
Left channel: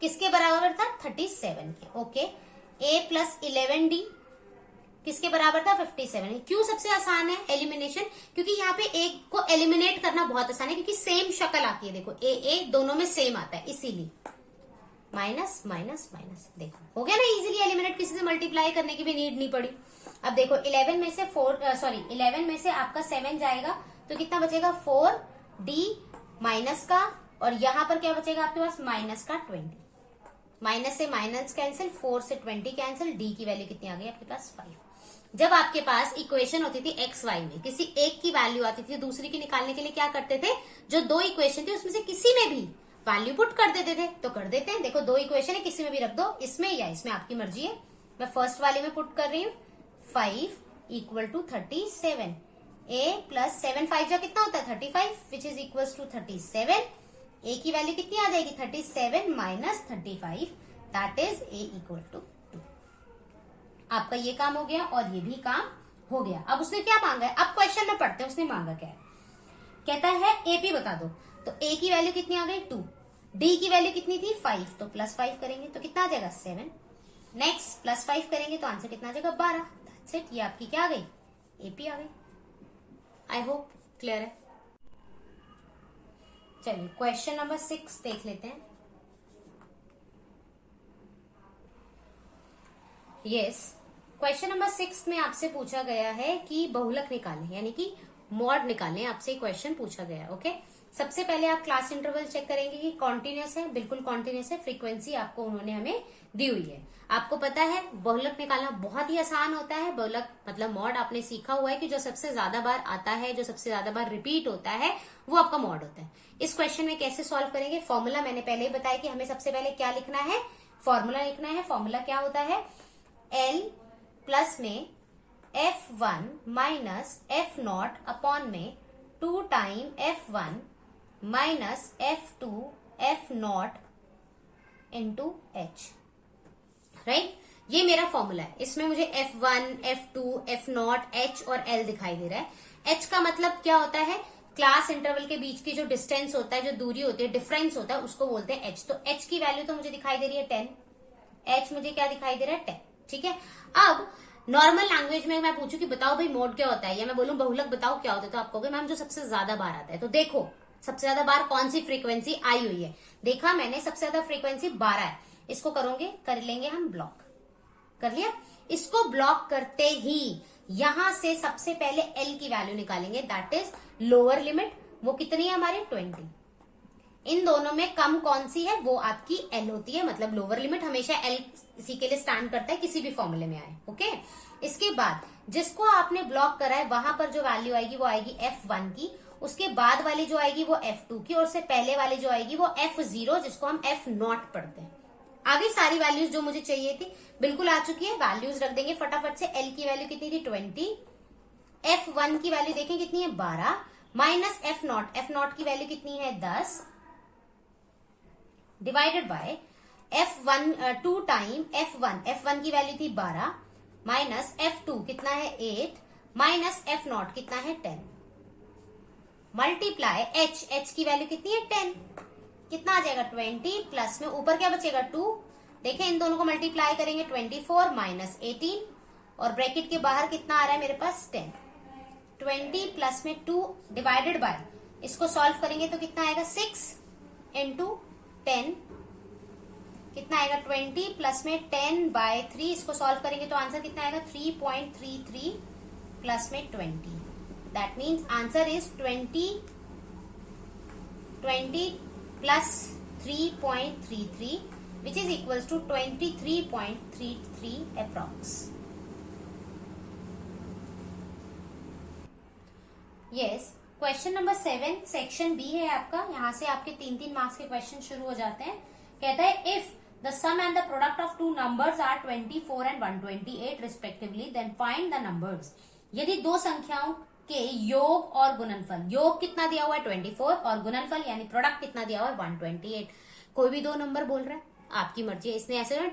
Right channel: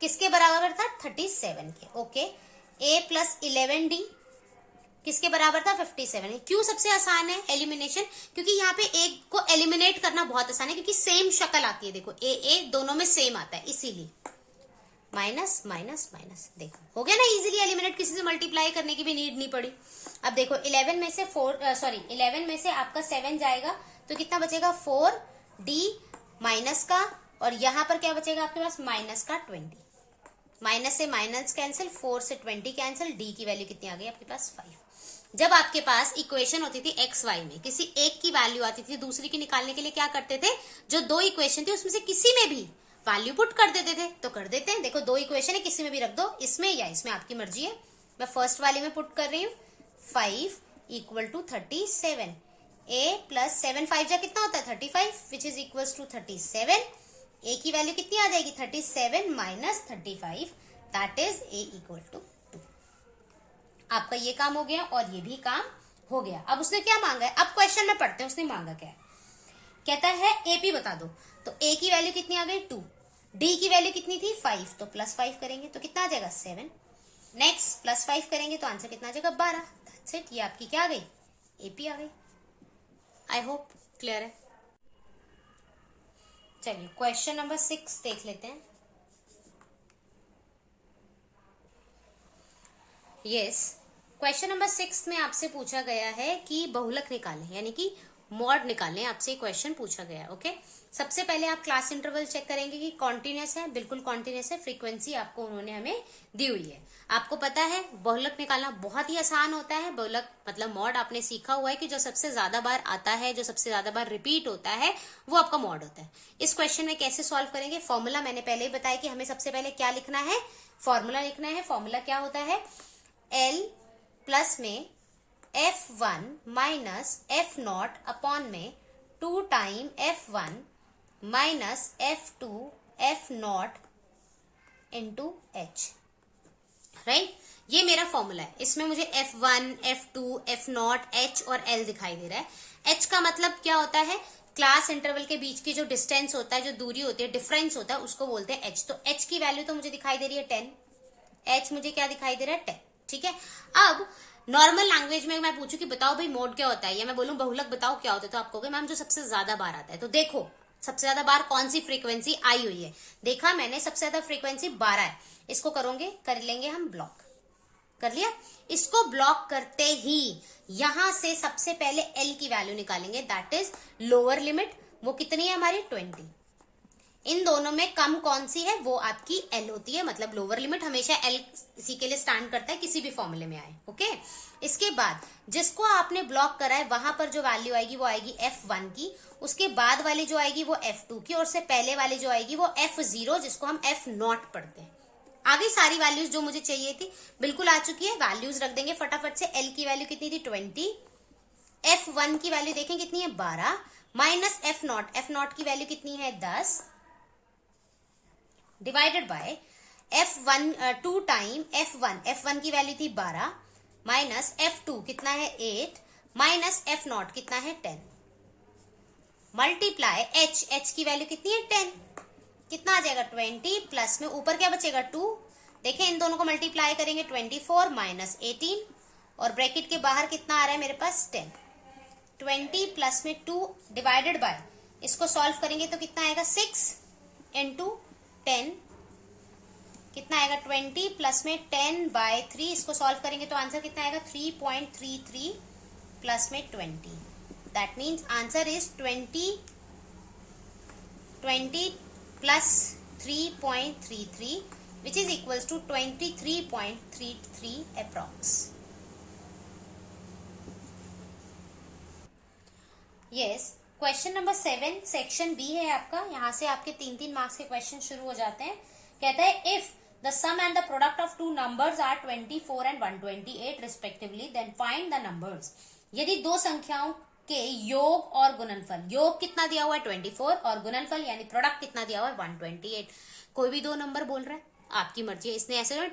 किसके बराबर था 37 के। ओके, a प्लस 11d किसके बराबर था 57। क्यों सबसे आसान है एलिमिनेशन? क्योंकि यहाँ पे एक को एलिमिनेट करना बहुत आसान है, क्योंकि सेम शक्ल आती है, देखो a दोनों में सेम आता है, इसीलिए माइनस माइनस माइनस, देखो हो गया ना इजीली एलिमिनेट, किसी से मल्टीप्लाई करने की भी नीड नहीं पड़ी। अब देखो 11 में से 11 में से आपका 7 जाएगा तो कितना बचेगा 4d माइनस का, और यहाँ पर क्या बचेगा आपके पास माइनस का 20, माइनस से माइनस कैंसिल, 4 से 20 कैंसिल, d की वैल्यू कितनी आ गई आपके पास 5। जब आपके पास इक्वेशन होती थी एक्स वाई में, किसी एक की वैल्यू आती थी, दूसरी की निकालने के लिए क्या करते थे, जो दो इक्वेशन थे उसमें से किसी में भी वैल्यू पुट कर देते थे, तो कर देते हैं। देखो दो इक्वेशन है, किसी में भी रख दो, इसमें या इसमें, आपकी मर्जी है। मैं फर्स्ट वाले में पुट कर रही हूँ 5 इक्वल टू 37, a प्लस 7 5 जा कितना होता है 35 which is equal to 37। a की वैल्यू कितनी आ जाएगी 37 minus 35, that is a equal to 2। आपका ये काम हो गया और ये भी काम हो गया। अब उसने क्या मांगा है, अब क्वेश्चन में पढ़ते हैं उसने मांगा क्या है। कहता है AP बता दो, तो A की वैल्यू कितनी आ गई 2, D की वैल्यू कितनी थी 5, तो प्लस 5 करेंगे तो कितना आ जाएगा 7, नेक्स्ट प्लस 5 करेंगे तो आंसर कितना आ जाएगा 12। दैट्स इट, ये आपकी क्या आ गई AP आ गई। आई होप क्लियर है। चलिए क्वेश्चन नंबर 6 देख लेते हैं। यस, क्वेश्चन नंबर 6 में आपसे पूछा गया है कि बहुलक निकालें, यानी कि मॉड निकालें, आपसे क्वेश्चन पूछा गया है। ओके, सबसे पहले आप क्लास इंटरवल चेक करेंगे कि कॉन्टिन्यूअस है, बिल्कुल कॉन्टिन्यूअस है, फ्रीक्वेंसी आपको उन्होंने हमें दी हुई है। आपको पता है बहुलक निकालना बहुत ही आसान होता है। बहुलक मतलब मॉड आपने सीखा हुआ है कि जो सबसे ज्यादा बार आता है, जो सबसे ज्यादा बार रिपीट होता है, वो आपका मॉड होता है। इस क्वेश्चन में कैसे सॉल्व करेंगे, फॉर्मूला मैंने पहले ही बताया कि हमें सबसे पहले क्या लिखना है, फॉर्मूला लिखना है। फॉर्मूला क्या होता है, L प्लस में F1 माइनस F0 अपॉन में 2 time F1 minus F2 F0 into H, right. ये मेरा फॉर्मूला है। इसमें मुझे F1 F2 F0 H और L दिखाई दे रहा है। H का मतलब क्या होता है, क्लास इंटरवल के बीच की जो डिस्टेंस होता है, जो दूरी होती है, डिफरेंस होता है, उसको बोलते हैं H। तो H की वैल्यू तो मुझे दिखाई दे रही है 10, H मुझे क्या दिखाई दे रहा है 10, ठीक है। अब नॉर्मल लैंग्वेज में मैं पूछूं कि बताओ भाई मोड क्या होता है, या मैं बोलूं बहुलक बताओ क्या होता है, तो आप कहोगे मैम जो सबसे ज्यादा बार आता है। तो देखो सबसे ज्यादा बार कौन सी फ्रीक्वेंसी आई हुई है, देखा मैंने सबसे ज्यादा फ्रीक्वेंसी 12 है। इसको करोगे, कर लेंगे हम ब्लॉक, कर लिया। इसको ब्लॉक करते ही यहां से सबसे पहले L की वैल्यू निकालेंगे, दैट इज लोअर लिमिट, वो कितनी है हमारी 20। इन दोनों में कम कौन सी है, वो आपकी एल होती है, मतलब लोअर लिमिट हमेशा एल इसी के लिए स्टैंड करता है, किसी भी फॉर्मूले में आए। ओके, इसके बाद जिसको आपने ब्लॉक करा है वहां पर जो वैल्यू आएगी वो आएगी F1 की, उसके बाद वाली जो आएगी वो F2 की, और से पहले वाली जो आएगी वो F0, जिसको हम F0 पढ़ते हैं। आगे सारी वैल्यूज जो मुझे चाहिए थी बिल्कुल आ चुकी है, वैल्यूज रख देंगे फटाफट से। एल की वैल्यू कितनी थी 20, F1 की वैल्यू देखें कितनी है 12, माइनस F0 की वैल्यू कितनी है 10, divided by F1 2 time F1 की वैल्यू थी 12, माइनस F2 कितना है 8, माइनस F0 कितना है 10, मल्टीप्लाई H की वैल्यू कितनी है 10, कितना आ जाएगा 20, प्लस में ऊपर क्या बचेगा 2। देखिए इन दोनों को मल्टीप्लाई करेंगे 24 माइनस 18, और ब्रैकेट के बाहर कितना आ रहा है मेरे पास 10, 20 प्लस में 2 डिवाइडेड बाय, इसको सॉल्व करेंगे तो कितना आएगा 6 इंटू 10, कितना आएगा 20 प्लस में 10/3, इसको सॉल्व करेंगे तो आंसर कितना आएगा 3.33 प्लस में 20, that means answer is 20 plus 3.33 which is equals to 23.33 approx. Yes, question number 7 section B है आपका, यहाँ से आपके 3 मार्क्स के क्वेश्चन शुरू हो जाते हैं। कहता है if the sum and the product of two numbers are 24 and 128 respectively then find the numbers. यदि दो संख्याओं के योग और गुणनफल, योग कितना दिया हुआ है 24 और गुणनफल यानी प्रोडक्ट कितना दिया हुआ है 128, कोई भी दो नंबर बोल रहा है आपकी मर्जी है। इसने ऐसे ना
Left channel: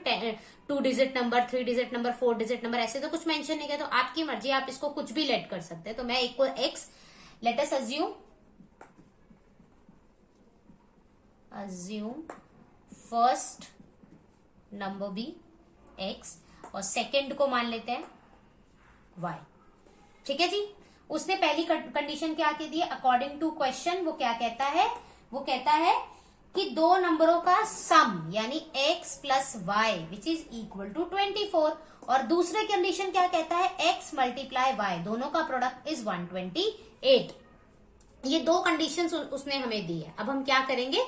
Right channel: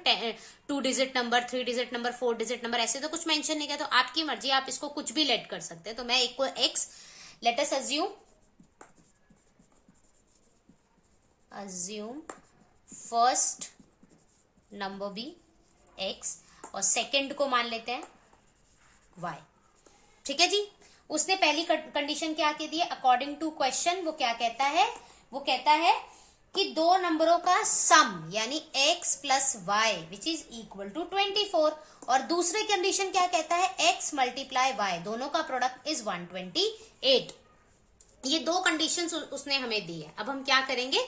2 digit number, 3 digit number, 4 digit number ऐसे तो कुछ मेंशन नहीं किया, तो आपकी मर्जी, आप इसको कुछ भी लेट कर सकते हैं। तो मैं एक को x, let us assume first number be x और सेकंड को मान लेते हैं y। ठीक है जी, उसने पहली कंडीशन क्या कह दी है अकॉर्डिंग टू क्वेश्चन, वो क्या कहता है, वो कहता है कि दो नंबरों का सम यानी x plus y which is equal to 24, और दूसरे कंडीशन क्या कहता है x मल्टीप्लाई y, दोनों का प्रोडक्ट इज 128। ये दो कंडीशन उसने हमें दी है। अब हम क्या करेंगे,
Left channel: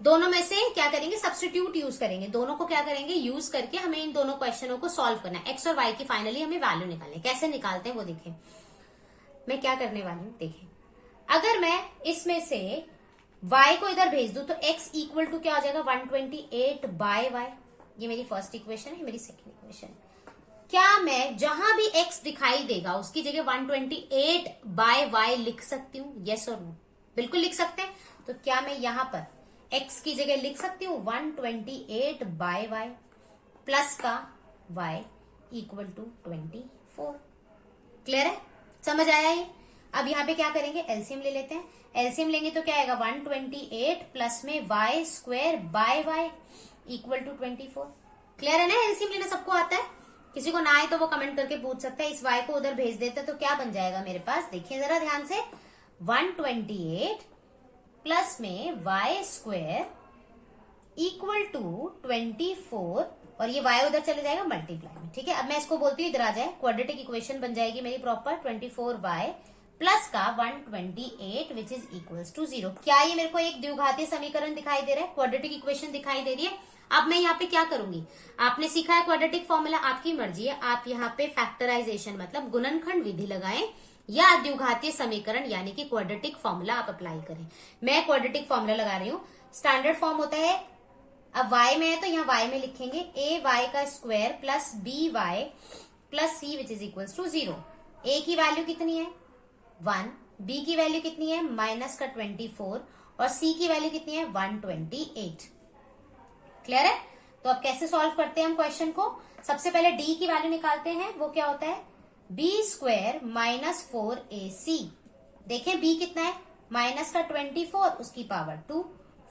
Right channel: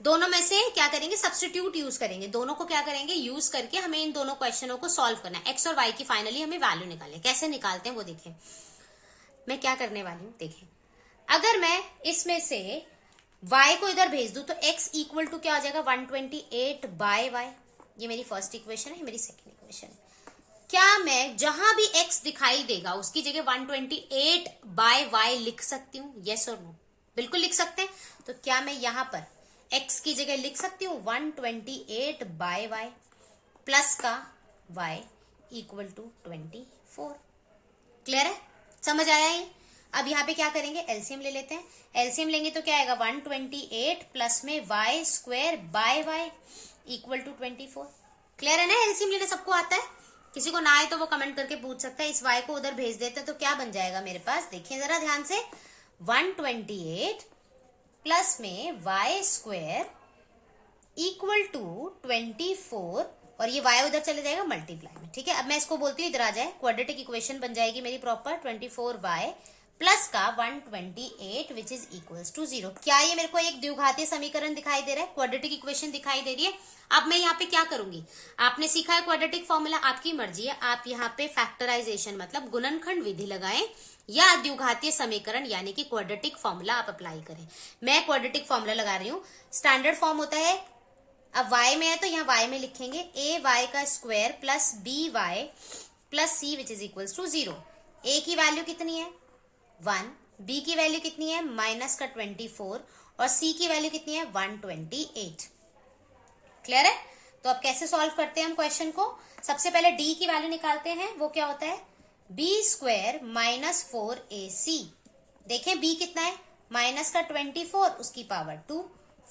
दोनों में से क्या करेंगे, सब्स्टिट्यूट यूज करेंगे, दोनों को क्या करेंगे यूज करके हमें इन दोनों क्वेश्चनों को सॉल्व करना है। x और y की फाइनली हमें वैल्यू निकालनी है, कैसे निकालते हैं वो देखें। मैं क्या करने वाली हूं देखें, अगर मैं इसमें से y को इधर भेज दूं तो x इक्वल टू क्या हो जाएगा 128 बाय y, ये मेरी फर्स्ट इक्वेशन है, मेरी सेकंड इक्वेशन। क्या मैं जहां भी x दिखाई देगा उसकी जगह 128 बाय y लिख सकती हूँ, यस और नो? बिल्कुल लिख सकते हैं। तो क्या मैं यहाँ पर x की जगह लिख सकती हूँ 128 बाय y प्लस का y इक्वल टू 24। क्लियर है, समझ आया ये? अब यहाँ पे क्या करेंगे, एलसीएम ले लेते हैं। एलसीएम लेंगे तो क्या आएगा 128 प्लस में y square by y equal to 24। Clear है ना, एलसीएम लेने सबको आता है, किसी को ना आए तो वो कमेंट करके पूछ सकता है। इस y को उधर भेज देते तो क्या बन जाएगा मेरे पास, देखिए जरा ध्यान से, 128 प्लस में y स्क्वायर इक्वल टू 24, और ये y उधर चले जाएगा मल्टीप्लाई में। ठीक है, अब मैं इसको बोलती हूँ इधर आ जाए, क्वाड्रेटिक इक्वेशन बन जाएगी मेरी प्रॉपर 24y प्लस का 128 विच इज इक्वल्स टू 0। क्या ये मेरे को एक द्विघातीय समीकरण दिखाई दे रहा है, क्वाड्रेटिक इक्वेशन दिखाई दे रही है। अब मैं यहाँ पे क्या करूंगी, आपने सीखा है क्वाड्रेटिक फॉर्मूला, आपकी मर्जी है, आप यहाँ पे फैक्टराइजेशन मतलब गुणनखंड विधि लगाएं या द्विघातीय समीकरण यानी कि क्वाड्रेटिक फॉर्मूला आप अप्लाई करें। मैं क्वाड्रेटिक फॉर्मूला लगा रही हूँ। स्टैंडर्ड फॉर्म होता है, अब y में है तो यहाँ y में लिखेंगे a y का square plus b y plus c which is equals to 0। a की वैल्यू कितनी है 1, b की वैल्यू कितनी है माइनस का 24 और c की वैल्यू कितनी है 128। क्लियर है? तो अब कैसे सॉल्व करते हैं हम क्वेश्चन को, सबसे पहले d की वैल्यू निकालते हैं, वो क्या होता है b स्क्वायर माइनस 4ac। देखें b कितना है माइनस का 24 उसकी पावर 2,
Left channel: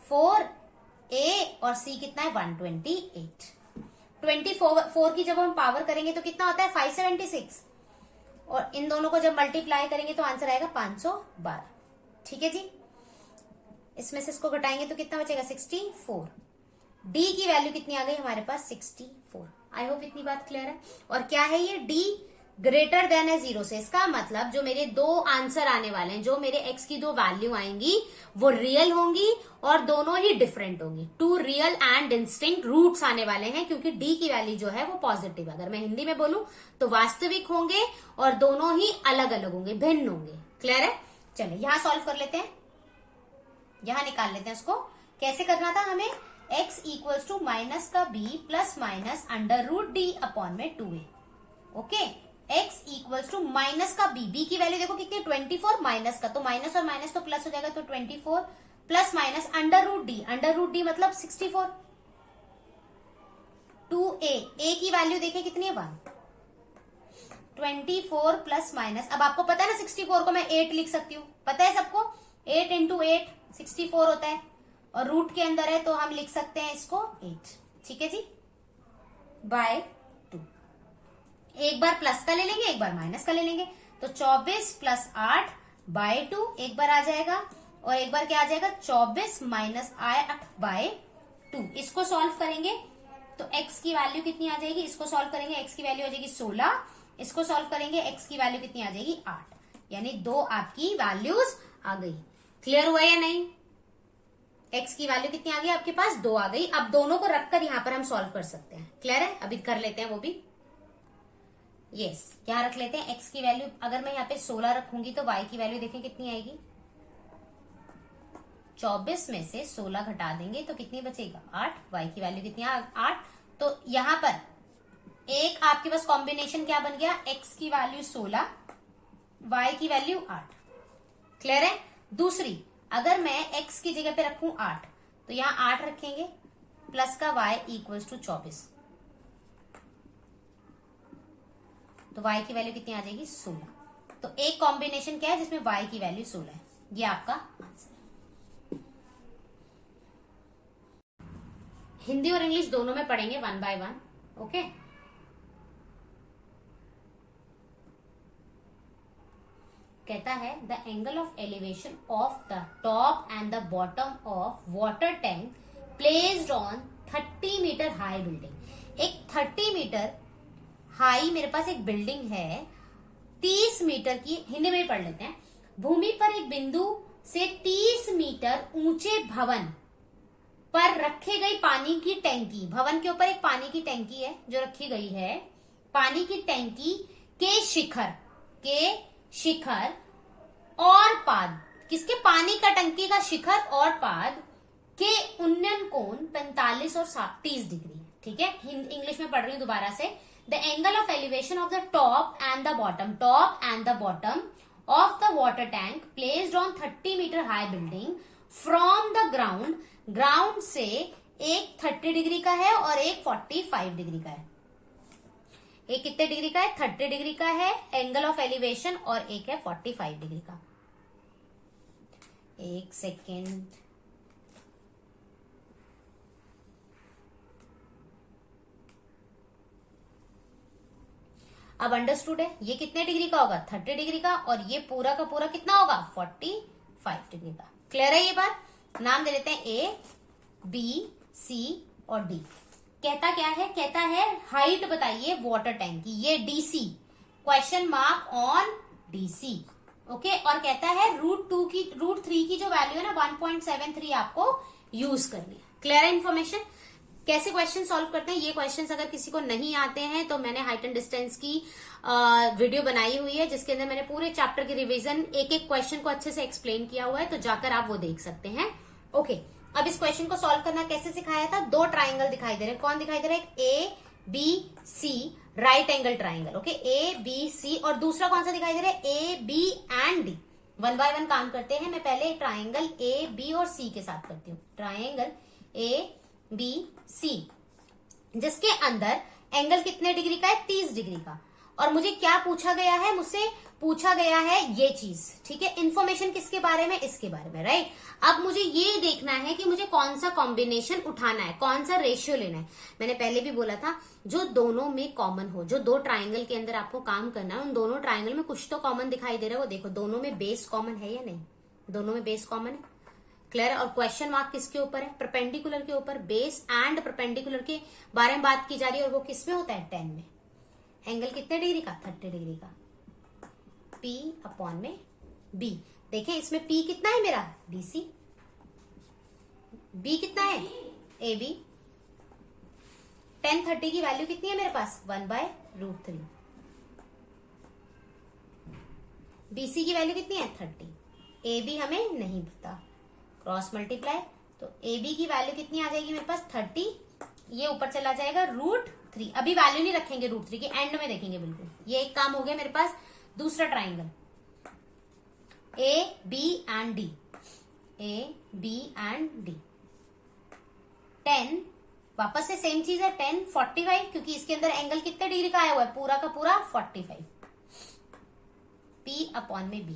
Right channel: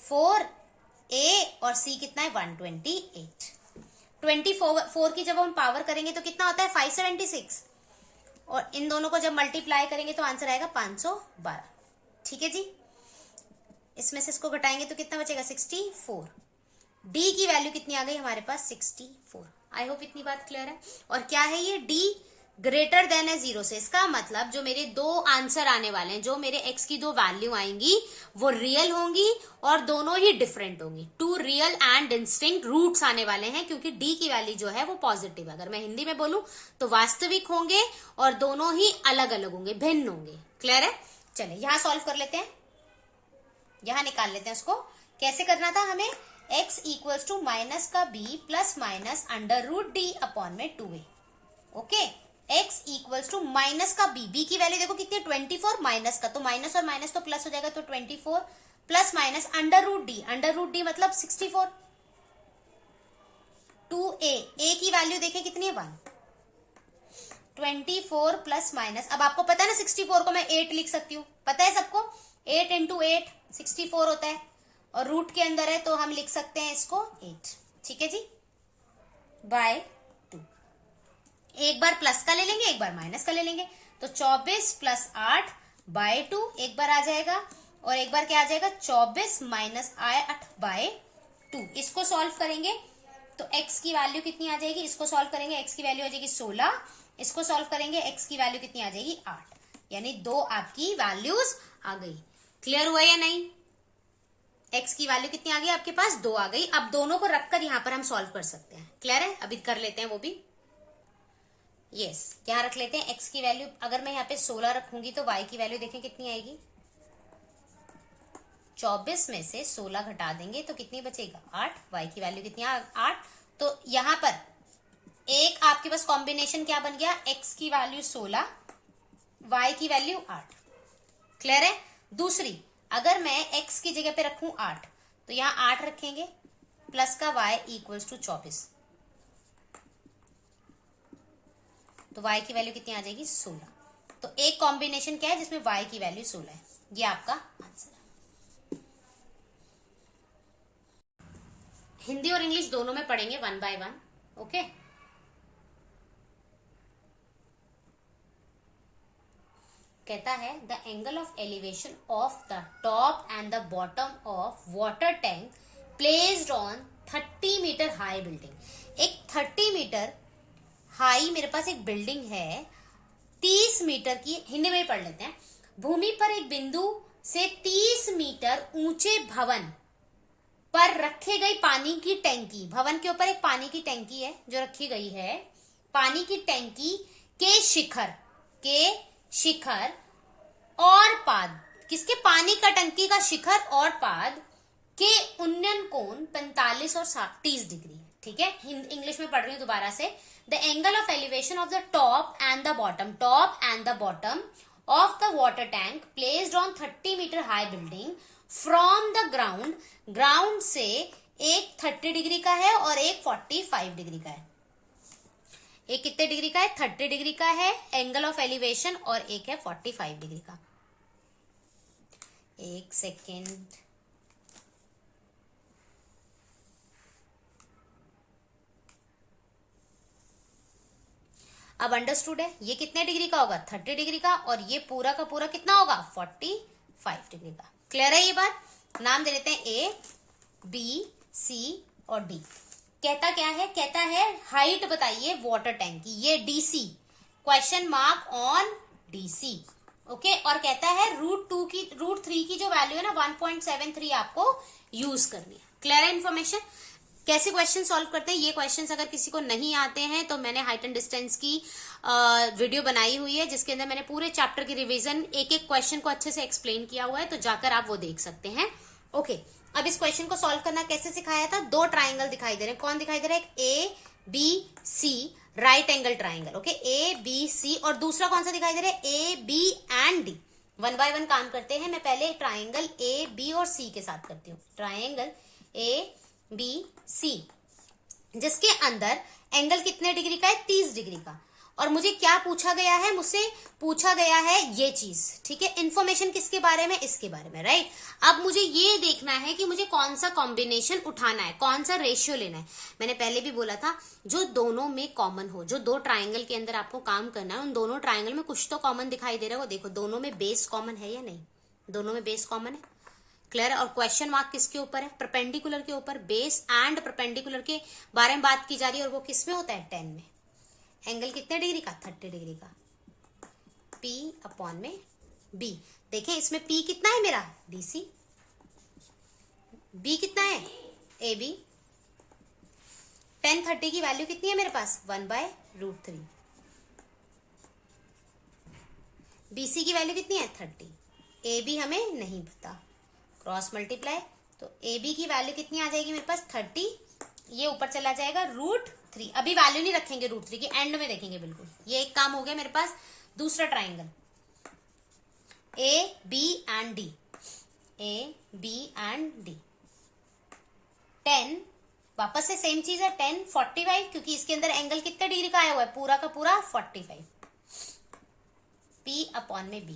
4a और c कितना है 128। 24 की जब हम पावर करेंगे तो कितना होता है 576, और इन दोनों को जब मल्टीप्लाई करेंगे तो आंसर आएगा 512। ठीक है जी, इसमें से इसको घटाएंगे तो कितना बचेगा 64। d की वैल्यू कितनी आ गई हमारे पास 64। आई होप इतनी बात क्लियर है। और क्या है ये d ग्रेटर देन है 0 से। इसका मतलब जो मेरे दो आंसर आने वाले हैं, जो मेरे x की दो वैल्यू आएंगी वो रियल होंगी और दोनों ही डिफरेंट होंगी। Two real and distinct roots आने वाले हैं, क्योंकि d की वैल्यू जो है वो पॉजिटिव है। अगर मैं हिंदी में बोलूं तो वास्तविक होंगे और दोनों ही अलग अलग होंगे, भिन्न होंगे। क्लियर है? चलिए यहां सॉल्व कर लेते हैं, यहां निकाल लेते हैं उसको। कैसे करना था हमें? x इक्वल्स टू माइनस का b plus minus under root D upon में 2a। Okay, x equals to minus का b की वैल्यू देखो कितनी है 24, माइनस का तो माइनस और माइनस तो प्लस हो जाएगा, तो 24 plus minus under root D मतलब 64। 2a की वैल्यू देखें कितनी है 1। 24 प्लस माइनस, अब आपको पता है ना 64 को मैं 8 लिख सकती हूँ, पता है सबको? 8 इंटू 8 64 होता है और रूट के अंदर है तो हम लिख सकते हैं इसको 8। ठीक है जी, बाय 2। एक बार प्लस का ले लेंगे, एक बार माइनस का ले लेंगे, तो 24 प्लस 8 बाय 2 एक बार आ जाएगा और एक बार क्या आ जाएगा 24 माइनस 8 बाय 2। इसको सॉल्व करेंगे तो x की वैल्यू कितनी आ जाएगी? इसको सॉल्व करेंगे x की वैल्यू आ जाएगी 16, इसको सॉल्व करेंगे x की वैल्यू कितनी आ जाएगी 8, यानी दो आपकी वैल्यूज आ गई। क्लियर हुआ या नहीं? x की वैल्यू कितनी आ गई आपके पास? 2 आ गई। अब दोनों को रखकर यहां पर हम सॉल्व कर सकते हैं। क्लियर है? अभी कर लेते हैं वो भी। यस, यहाँ रख लेते हैं x की वैल्यू। अगर मैं यहाँ पे 16 रखूंगी तो y की वैल्यू देखें कितनी आएगी? 24 में से 16 घटा देंगे तो कितनी बचेगा 8। y की वैल्यू कितनी 8। तो यहाँ पर एक आपके पास कॉम्बिनेशन क्या बन गया? x की वैल्यू 16, y की वैल्यू 8। क्लियर है? दूसरी, अगर मैं x की जगह पे रखूं 8 तो यहाँ 8 रखेंगे प्लस का y इक्वल्स टू 24, तो y की वैल्यू कितनी आ जाएगी 16। तो एक कॉम्बिनेशन क्या है जिसमें y की वैल्यू 16 है, ये आपका आंसर है। हिंदी और इंग्लिश दोनों में पढ़ेंगे 1 by 1। ओके, कहता है the angle of elevation of the top and the bottom of water tank placed on 30 metre high building. एक 30 मीटर हाई मेरे पास एक बिल्डिंग है, 30 मीटर की, हिंदी में पढ़ लेते हैं। भूमि पर एक बिंदु से 30 मीटर ऊंचे भवन पर रखे गई पानी की टैंकी, भवन के ऊपर एक पानी की टैंकी है जो रखी गई है, पानी की टैंकी के शिखर और पाद, किसके? पानी का टंकी का शिखर और पाद के उन्नयन कोण 45 और 30 डिग्री। ठीक है, इंग्लिश में पढ़ रही हूं दोबारा से। The angle of elevation of the top and the bottom of the water tank placed on 30 metre high building from the ground से एक 30 डिग्री का है और एक 45 डिग्री का है। एक कितने डिग्री का है? 30 डिग्री का है एंगल ऑफ एलिवेशन और एक है 45 डिग्री का। एक सेकेंड, अब अंडरस्टूड है ये कितने डिग्री का होगा? 30 डिग्री का, और ये पूरा का पूरा कितना होगा? 45 डिग्री का। क्लियर है ये बात? नाम दे देते हैं ए, बी, सी और डी। कहता क्या है? कहता है हाइट बताइए वाटर टैंक की, ये DC, question mark on DC. Okay, और कहता है रूट 3 की जो वैल्यू है ना 1.73 आपको यूज करनी है। क्लियर है इन्फॉर्मेशन? कैसे क्वेश्चन सॉल्व करते हैं? ये क्वेश्चंस अगर किसी को नहीं आते हैं तो मैंने हाइट एंड डिस्टेंस की वीडियो बनाई हुई है जिसके अंदर मैंने पूरे चैप्टर की रिवीजन, एक एक क्वेश्चन को अच्छे से एक्सप्लेन किया हुआ है, तो जाकर आप वो देख सकते हैं। ओके, अब इस क्वेश्चन को सॉल्व करना कैसे सिखाया था? दो ट्राइंगल दिखाई दे रहे, कौन दिखाई दे रहा है? A B C, right angle triangle. Okay, A B C, और दूसरा कौन सा दिखाई दे रहा है? A B and D. 1 by 1 काम करते हैं। मैं पहले ट्राइंगल ए बी और सी के साथ करती हूँ। ट्राइंगल ए बी सी, जिसके अंदर एंगल कितने डिग्री का है? 30 डिग्री का। और मुझे क्या पूछा गया है? मुझसे पूछा गया है ये चीज। ठीक है, इंफॉर्मेशन किसके बारे में? इसके बारे में, राइट। अब मुझे ये देखना है कि मुझे कौन सा कॉम्बिनेशन उठाना है, कौन सा रेशियो लेना है। मैंने पहले भी बोला था जो दोनों में कॉमन हो, जो दो ट्राइंगल के अंदर आपको काम करना है, उन दोनों ट्राइंगल में कुछ तो कॉमन दिखाई दे रहा है। वो देखो दोनों में बेस कॉमन है या नहीं? दोनों में बेस कॉमन है। क्लियर? और क्वेश्चन मार्क किसके ऊपर है? परपेंडिकुलर के ऊपर। बेस एंड परपेंडिकुलर के बारे में बात की जा रही है, और वो किस में होता है? 10 में। एंगल कितने डिग्री का, 30 डिग्री का, P अपॉन में B। देखिए इसमें P कितना है मेरा, DC, B कितना है, AB। tan 30 की वैल्यू कितनी है मेरे पास, 1/√3। BC की वैल्यू कितनी है, 30। AB हमें नहीं पता, क्रॉस मल्टीप्लाई, तो AB की वैल्यू कितनी आ जाएगी मेरे पास, 30। ये ऊपर चला जाएगा √3। अभी वैल्यू नहीं रखेंगे √3 की, एंड में देखेंगे बिल्कुल। ये एक काम हो गया मेरे पास। दूसरा triangle A, B and D, A, B and D। 10, वापस से सेम चीज है, 10 45, क्योंकि इसके अंदर एंगल कितने डिग्री का आया हुआ है, पूरा का पूरा 45। P अपॉन में B,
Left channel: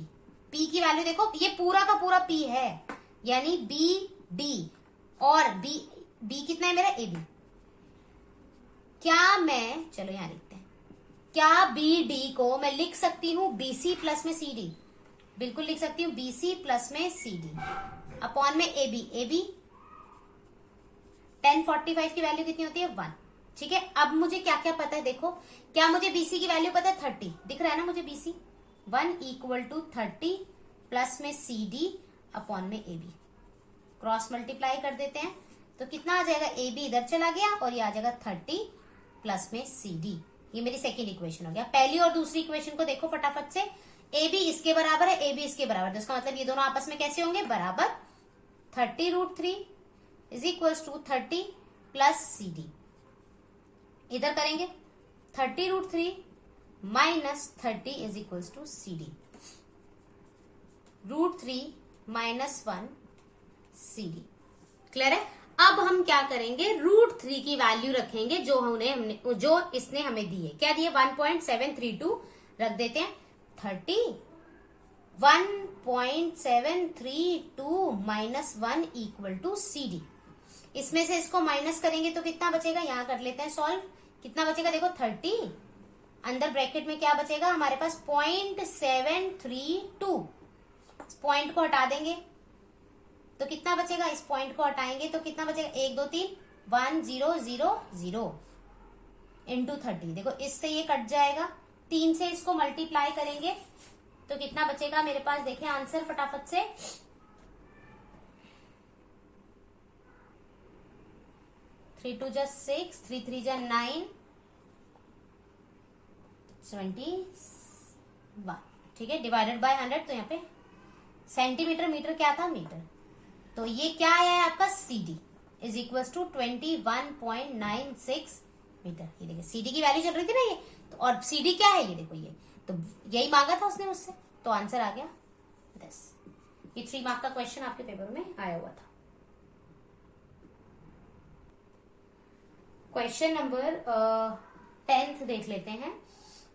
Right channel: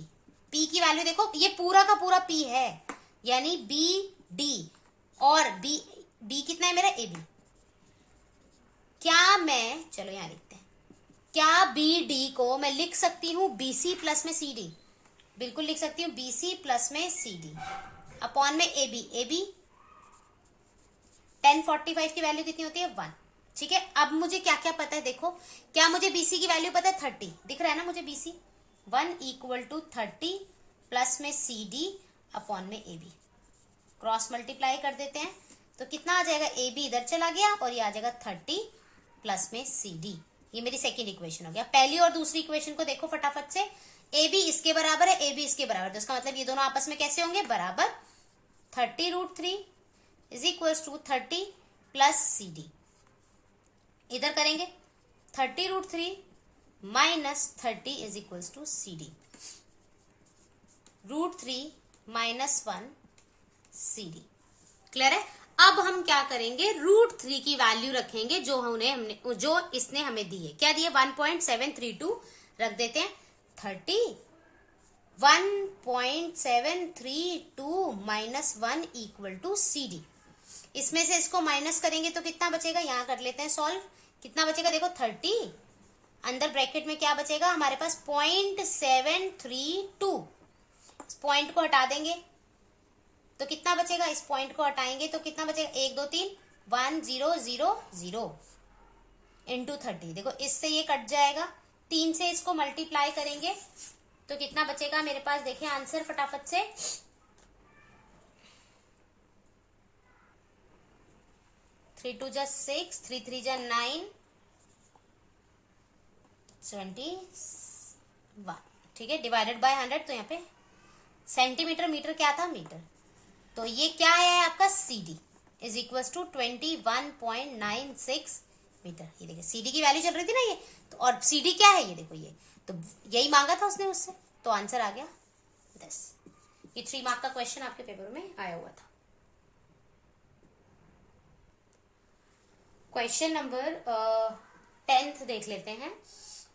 P की वैल्यू देखो, ये पूरा का पूरा P है, यानी B D, और B कितना है मेरा, AB। क्या मैं, चलो यहां लिखते हैं, क्या BD को मैं लिख सकती हूं BC प्लस में CD, बिल्कुल लिख सकती हूं, BC प्लस में CD अपॉन में AB। 10 45 की वैल्यू कितनी होती है, 1। ठीक है, अब मुझे क्या क्या पता है, देखो क्या मुझे BC की वैल्यू पता है, 30 दिख रहा है ना मुझे, BC 1 = 30 प्लस में CD अपॉन में AB। क्रॉस मल्टीप्लाई कर देते हैं तो कितना आ जाएगा, AB इधर चला गया और ये आ जाएगा 30 प्लस में CD। ये मेरी सेकेंड इक्वेशन हो गया। पहली और दूसरी इक्वेशन को देखो फटाफट से, AB इसके बराबर है, AB इसके बराबर, जिसका मतलब ये दोनों आपस में कैसे होंगे, बराबर। 30√3 = 30 प्लस CD। इधर करेंगे 30√3 minus 30 = CD, √3 minus 1 CD। Clear है। अब हम क्या करेंगे, √3 की वैल्यू रखेंगे जो इसने हमें दी है। क्या दिए, 1.732 रख देते हैं। 30 1.732 माइनस 1 = CD। इसमें से इसको माइनस करेंगे तो कितना बचेगा, यहां कर लेते हैं सॉल्व। कितना बचेगा, देखो 30, अंदर ब्रैकेट में क्या बचेगा हमारे पास, 0.732। इस पॉइंट को हटा देंगे तो कितना बचेगा, इस पॉइंट को हटाएंगे तो कितना बचेगा, 1 2 3 1000 इंटू 30। देखो इससे ये कट जाएगा, 3 से इसको मल्टीप्लाई करेंगे तो कितना बचेगा मेरे पास, देखिए आंसर फटाफट से, 3 2 6, 3 3 9, 71। ठीक है, डिवाइडेड बाय 100, तो यहाँ पे सेंटीमीटर, मीटर क्या था, मीटर। तो ये क्या है आपका, CD = 21.96 मीटर। ये देखिए CD की वैल्यू चल रही थी ना ये, तो और CD क्या है, ये देखो, ये तो यही मांगा था उसने मुझसे, तो आंसर आ गया 10। ये 3 मार्क का क्वेश्चन आपके पेपर में आया हुआ था। क्वेश्चन नंबर 10th देख लेते हैं।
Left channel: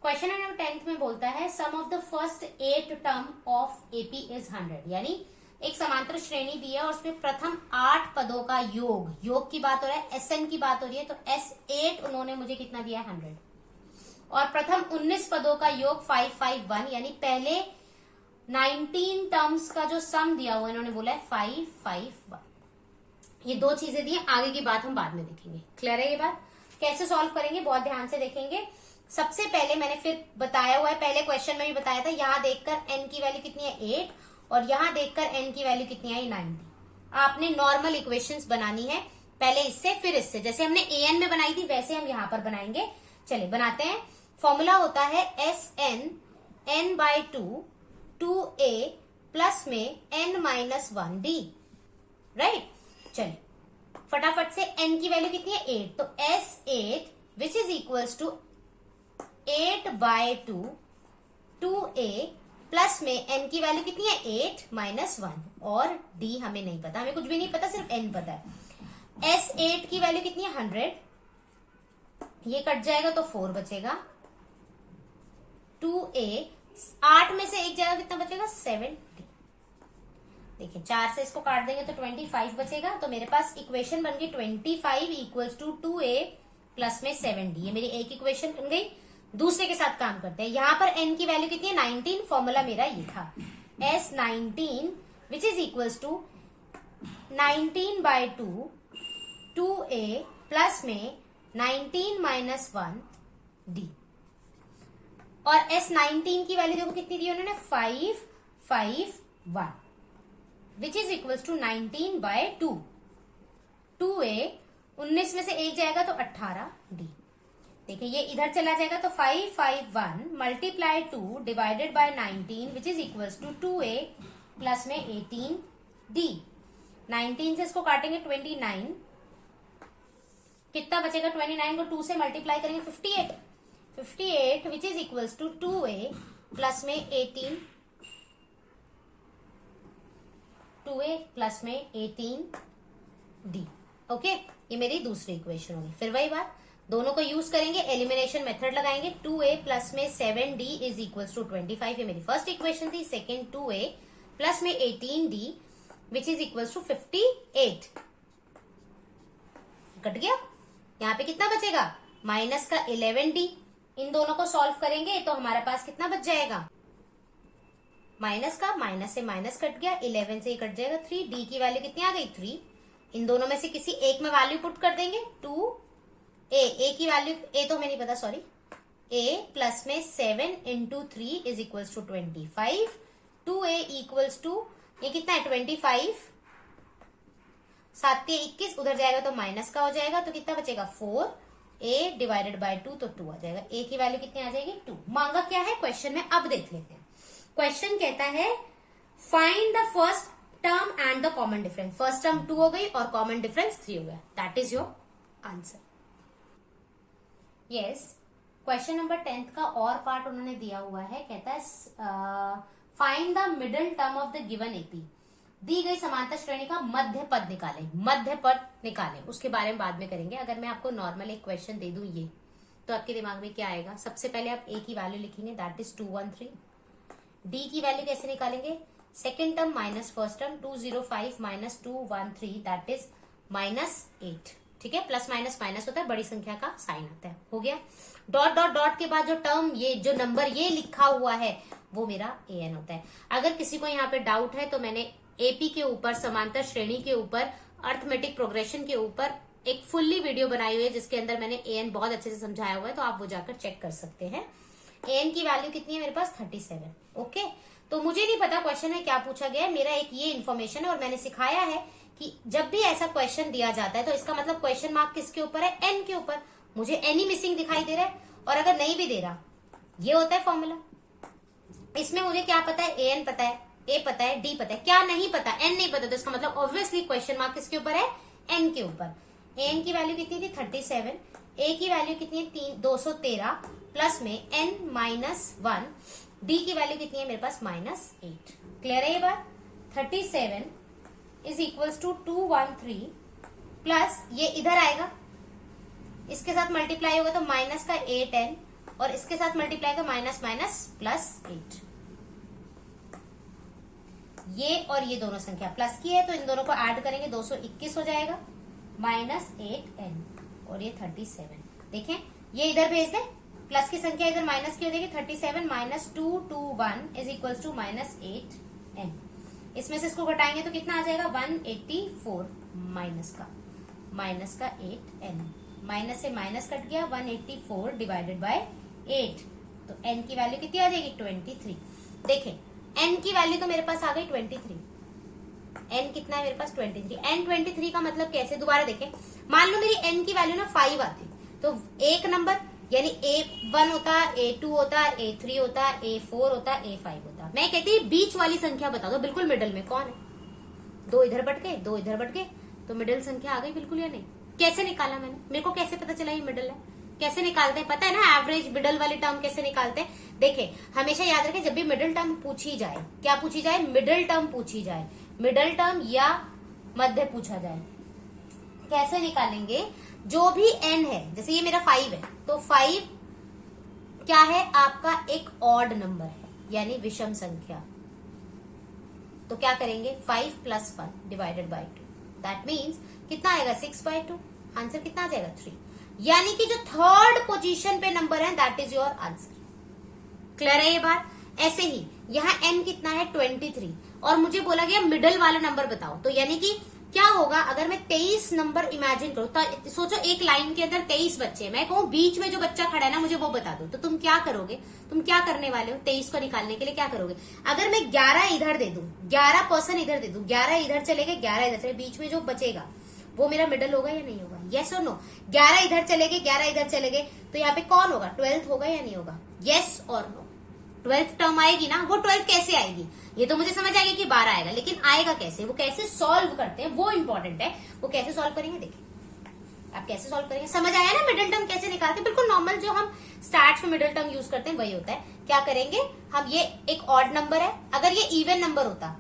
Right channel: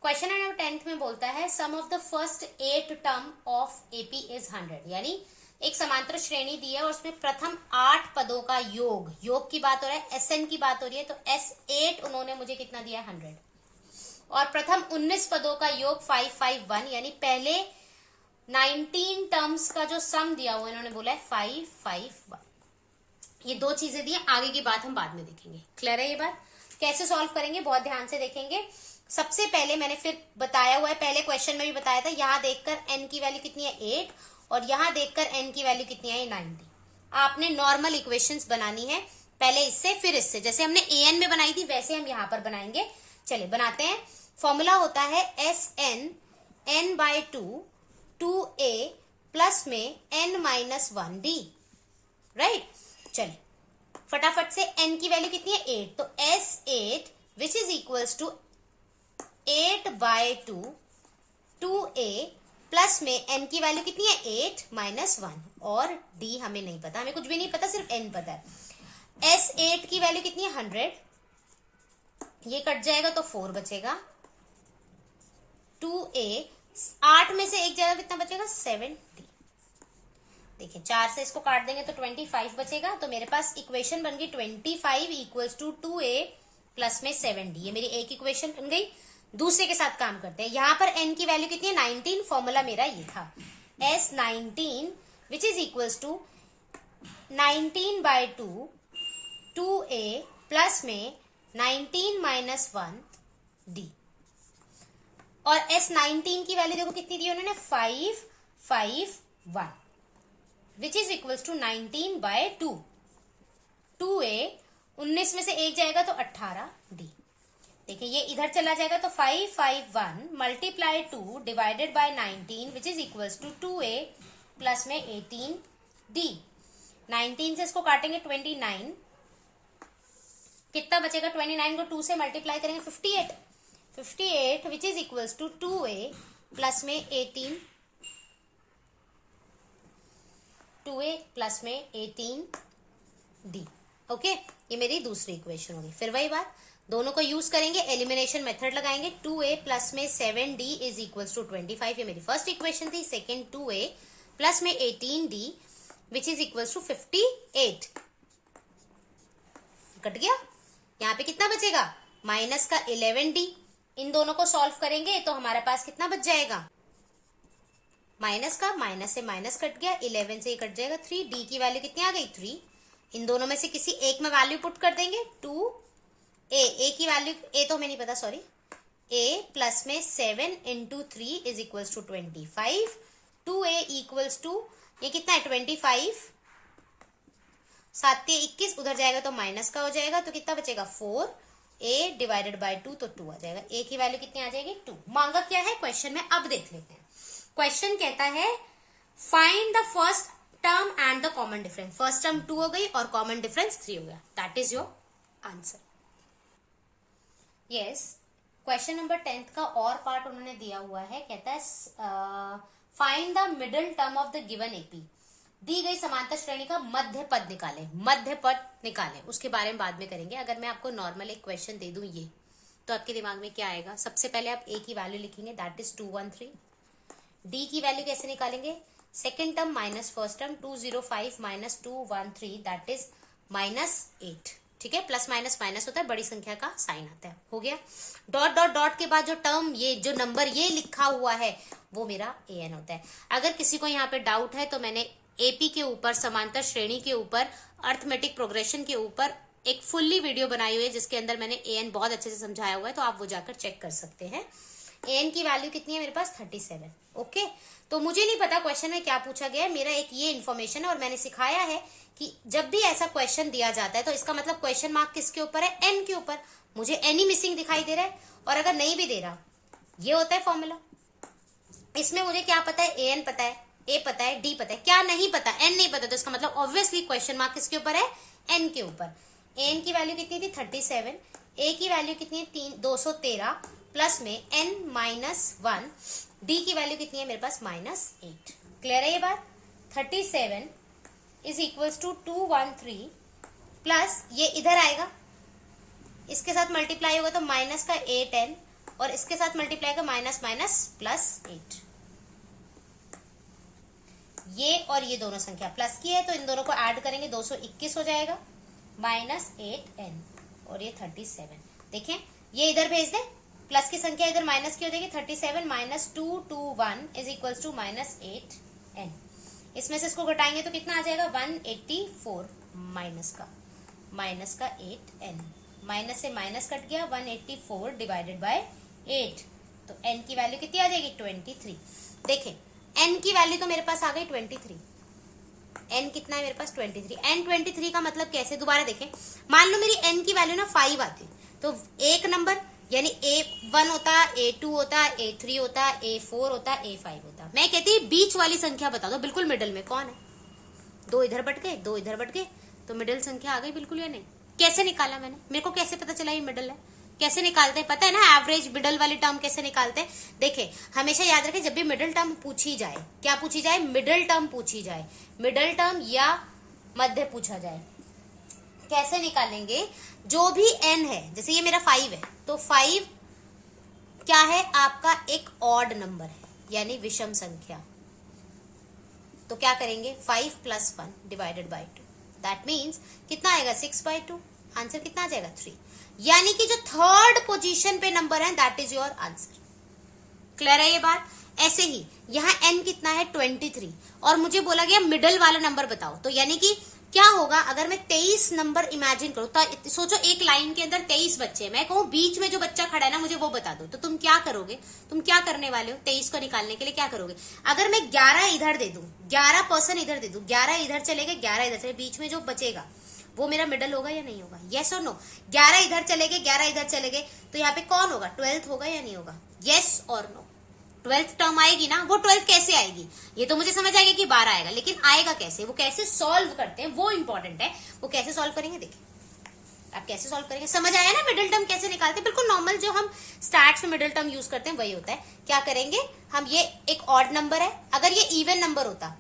क्वेश्चन नंबर 10th में बोलता है, sum of the first 8 term of AP is 100। यानी एक समांतर श्रेणी दी है और उसमें प्रथम 8 पदों का योग की बात हो रहा है, SN की बात हो रही है, तो S8 उन्होंने मुझे कितना दिया, 100। और प्रथम 19 पदों का योग 551, यानी पहले 19 टर्म्स का जो सम दिया हुआ इन्होंने बोला है 551। ये 2 चीजें दी, आगे की बात हम बाद में देखेंगे। क्लियर है ये बात। कैसे सॉल्व करेंगे, बहुत ध्यान से देखेंगे। सबसे पहले मैंने फिर बताया हुआ है, पहले क्वेश्चन में भी बताया था, यहां देखकर n की वैल्यू कितनी है, 8, और यहां देखकर n की वैल्यू कितनी है, 90। आपने नॉर्मल इक्वेशंस बनानी है, पहले इससे फिर इससे, जैसे हमने an में बनाई थी वैसे हम यहां पर बनाएंगे। चलिए बनाते हैं। फॉर्मूला होता है SN n/2 2a प्लस में n-1d, राइट। चलिए फटाफट से, n की वैल्यू कितनी है, 8, तो S8 which is equals to 8/2 2a plus में n की वैल्यू कितनी है, 8-1, और d हमें नहीं पता, हमें कुछ भी नहीं पता, सिर्फ n पता है। S8 की वैल्यू कितनी है, 100, ये कट जाएगा तो 4 बचेगा। 2a, 8 में से एक जगह कितना बचेगा, 70। देखिए 4 से इसको काट देंगे तो 25 बचेगा, तो मेरे पास इक्वेशन बन गई 25 = 2a प्लस में 7d। ये मेरी एक इक्वेशन बन गई। दूसरे के साथ काम करते हैं। यहां पर n की वैल्यू कितनी है, 19, फॉर्मूला मेरा ये था, S19 which is equals to 19/2 2a plus में 19-1d। माइनस 19 की वैल्यू देखो कितनी दी उन्होंने 551 विच इज इक्वल्स टू 19/2। 2a 19 में से एक जाएगा तो 18d। देखिए ये इधर चला जाएगा तो 551 multiply 2 divided by 19 which is equals to 2a plus में 18d। 19 से इसको काटेंगे 29, कितना बचेगा 29 को 2 से मल्टीप्लाई करेंगे 58 which is equals to 2a plus में 18, 2a प्लस में 18d। ओके, ये मेरी दूसरी इक्वेशन होगी। फिर वही बात, दोनों को यूज करेंगे, एलिमिनेशन मेथड लगाएंगे। 2a प्लस में 7d इज इक्वल्स टू 25, ये मेरी फर्स्ट इक्वेशन थी। सेकेंड 2a प्लस में 18d which is equals to 58। Cut गया, यहाँ पे कितना बचेगा माइनस का 11d। इन दोनों को सॉल्व करेंगे तो हमारे पास कितना बच जाएगा, माइनस का माइनस से माइनस कट गया, 11 से कट जाएगा 3, d की वैल्यू कितनी आ गई 3। इन दोनों में से किसी एक में वैल्यू पुट कर देंगे 2a की वैल्यू a तो हमें नहीं पता, सॉरी, a प्लस में 7 into 3 is equals to 25। 2a equals to ये कितना है 25, 7 21, उधर जाएगा तो माइनस का हो जाएगा, तो कितना बचेगा 4a डिवाइडेड बाय 2, तो 2 आ जाएगा। a की वैल्यू कितनी आ जाएगी 2। मांगा क्या है क्वेश्चन में, अब देख लेते हैं। क्वेश्चन कहता है find the first term and the common difference. First term 2 हो गई और कॉमन डिफरेंस 3 हो गया। That is your answer. Yes, question number 10 का और पार्ट उन्होंने दिया हुआ है। कहता है find the middle term of the given AP. दी गई समांतर श्रेणी का मध्य पद निकालें। मध्य पद निकालें, उसके बारे में बाद में करेंगे। अगर मैं आपको नॉर्मल एक क्वेश्चन दे दूं ये, तो आपके दिमाग में क्या आएगा? सबसे पहले आप a की वैल्यू लिखेंगे, दैट इज 213। d की वैल्यू कैसे निकालेंगे? Second term minus first term, 205 minus 213 that is -8। ठीक है, प्लस माइनस माइनस होता है, बड़ी संख्या का साइन आता है। हो गया। डॉट डॉट डॉट के बाद जो टर्म, ये जो नंबर ये लिखा हुआ है वो मेरा an होता है। अगर किसी को यहाँ पे डाउट है तो मैंने एपी के ऊपर, समांतर श्रेणी के ऊपर, अर्थमेटिक प्रोग्रेशन के ऊपर एक फुल्ली वीडियो बनाई हुई है जिसके अंदर मैंने an बहुत अच्छे से समझाया हुआ है, तो आप वो जाकर चेक कर सकते हैं। an की वैल्यू कितनी है मेरे पास 37। ओके, तो मुझे नहीं पता क्वेश्चन में क्या पूछा गया है, मेरा एक ये इन्फॉर्मेशन है और मैंने सिखाया है कि जब भी ऐसा क्वेश्चन दिया जाता है तो इसका मतलब क्वेश्चन मार्क किसके ऊपर है? n के ऊपर। मुझे n ही मिसिंग दिखाई दे रहा है, और अगर नहीं भी दे रहा, ये होता है फॉर्मूला। इसमें मुझे क्या पता है? an पता है, a पता है, d पता है, क्या नहीं पता? n नहीं पता, तो इसका मतलब ऑब्वियसली क्वेश्चन मार्क किसके ऊपर है? n के ऊपर। n की वैल्यू कितनी थी 37, a की वैल्यू कितनी है 213 प्लस में n -1, d की वैल्यू कितनी है मेरे पास -8। क्लियर है ये बात? 37 इज इक्वल्स टू 213 प्लस ये इधर आएगा, इसके साथ मल्टीप्लाई होगा तो माइनस का 8n, और इसके साथ मल्टीप्लाई का माइनस माइनस प्लस 8। ये और ये दोनों संख्या प्लस की है तो इन दोनों को ऐड करेंगे 221 हो जाएगा, -8n और ये 37। देखें, ये इधर भेज दे, प्लस की संख्या इधर माइनस की हो जाएगी। 37 minus 221 is equals to -8n। इसमें से इसको घटाएंगे तो कितना आ जाएगा 184, माइनस का 8n, माइनस से माइनस कट गया, 184 डिवाइडेड बाय 8, तो n की वैल्यू कितनी आ जाएगी 23। देखें, n की वैल्यू तो मेरे पास आ गई 23। n कितना है मेरे पास 23। n 23 का मतलब कैसे? दोबारा देखें, मान लो मेरी n की वैल्यू ना 5 आती, तो एक नंबर यानी a1 होता, a2 होता, a3 होता, a4 होता, a5 होता। मैं कहती बीच वाली संख्या बता दो, बिल्कुल मिडिल में कौन है? 2 इधर बढ़ गए, 2 इधर बढ़ गए, तो मिडिल संख्या आ गई बिल्कुल या नहीं? कैसे निकाला मैंने? मेरे को कैसे पता चला ये मिडिल है? कैसे निकालते हैं पता है ना? एवरेज मिडिल वाली टर्म कैसे निकालते हैं? देखिए, हमेशा याद रखें, जब भी मिडिल टर्म पूछी जाए, क्या पूछी जाए? मिडिल टर्म पूछी जाए, मिडिल टर्म या मध्य पूछा जाए, कैसे निकालेंगे? जो भी n है, जैसे ये मेरा 5 है, तो 5 क्या है आपका? एक ऑड नंबर है, यानी विषम संख्या। तो क्या करेंगे? 5 + 1 डिवाइडेड बाय 2, दैट मीन्स कितना आएगा 6/2। आंसर कितना आ जाएगा 3। यानी कि जो थर्ड पोजीशन पे नंबर है that is your answer. Clear है ये बात? ऐसे ही यहाँ n कितना है 23, और मुझे बोला गया मिडिल वाला नंबर बताओ, तो यानी कि क्या होगा अगर मैं 23 नंबर इमेजिन करूं, तो सोचो एक लाइन के अंदर 23 बच्चे, मैं कहूं बीच में जो बच्चा खड़ा है ना मुझे वो बता दो, तो तुम क्या करोगे? तुम क्या करने वाले हो? 23 को निकालने के लिए क्या करोगे? अगर मैं 11 इधर दे दूं, 11% इधर दे दूं, 11 इधर चले गए, 11 इधर चले, बीच में जो बचेगा वो मेरा मिडल होगा या नहीं होगा? यस और नो? 11 इधर चले गए, 11 इधर चले गए, तो यहाँ पे कौन होगा? 12th होगा या नहीं होगा? यस और नो? 12th टर्म आएगी ना। वो 12th कैसे आएगी? ये तो मुझे समझ आएगी कि 12 आएगा, लेकिन आएगा कैसे, वो कैसे सॉल्व करते हैं वो इंपॉर्टेंट है। वो कैसे सॉल्व करेंगे देखिए, आप कैसे सॉल्व करेंगे, समझ आया ना? मिडिल टर्म कैसे निकालते हैं, बिल्कुल नॉर्मल जो हम स्टार्ट में मिडिल टर्म यूज करते हैं वही होता है। क्या करेंगे हम, ये एक ऑड नंबर है, अगर ये इवन नंबर होता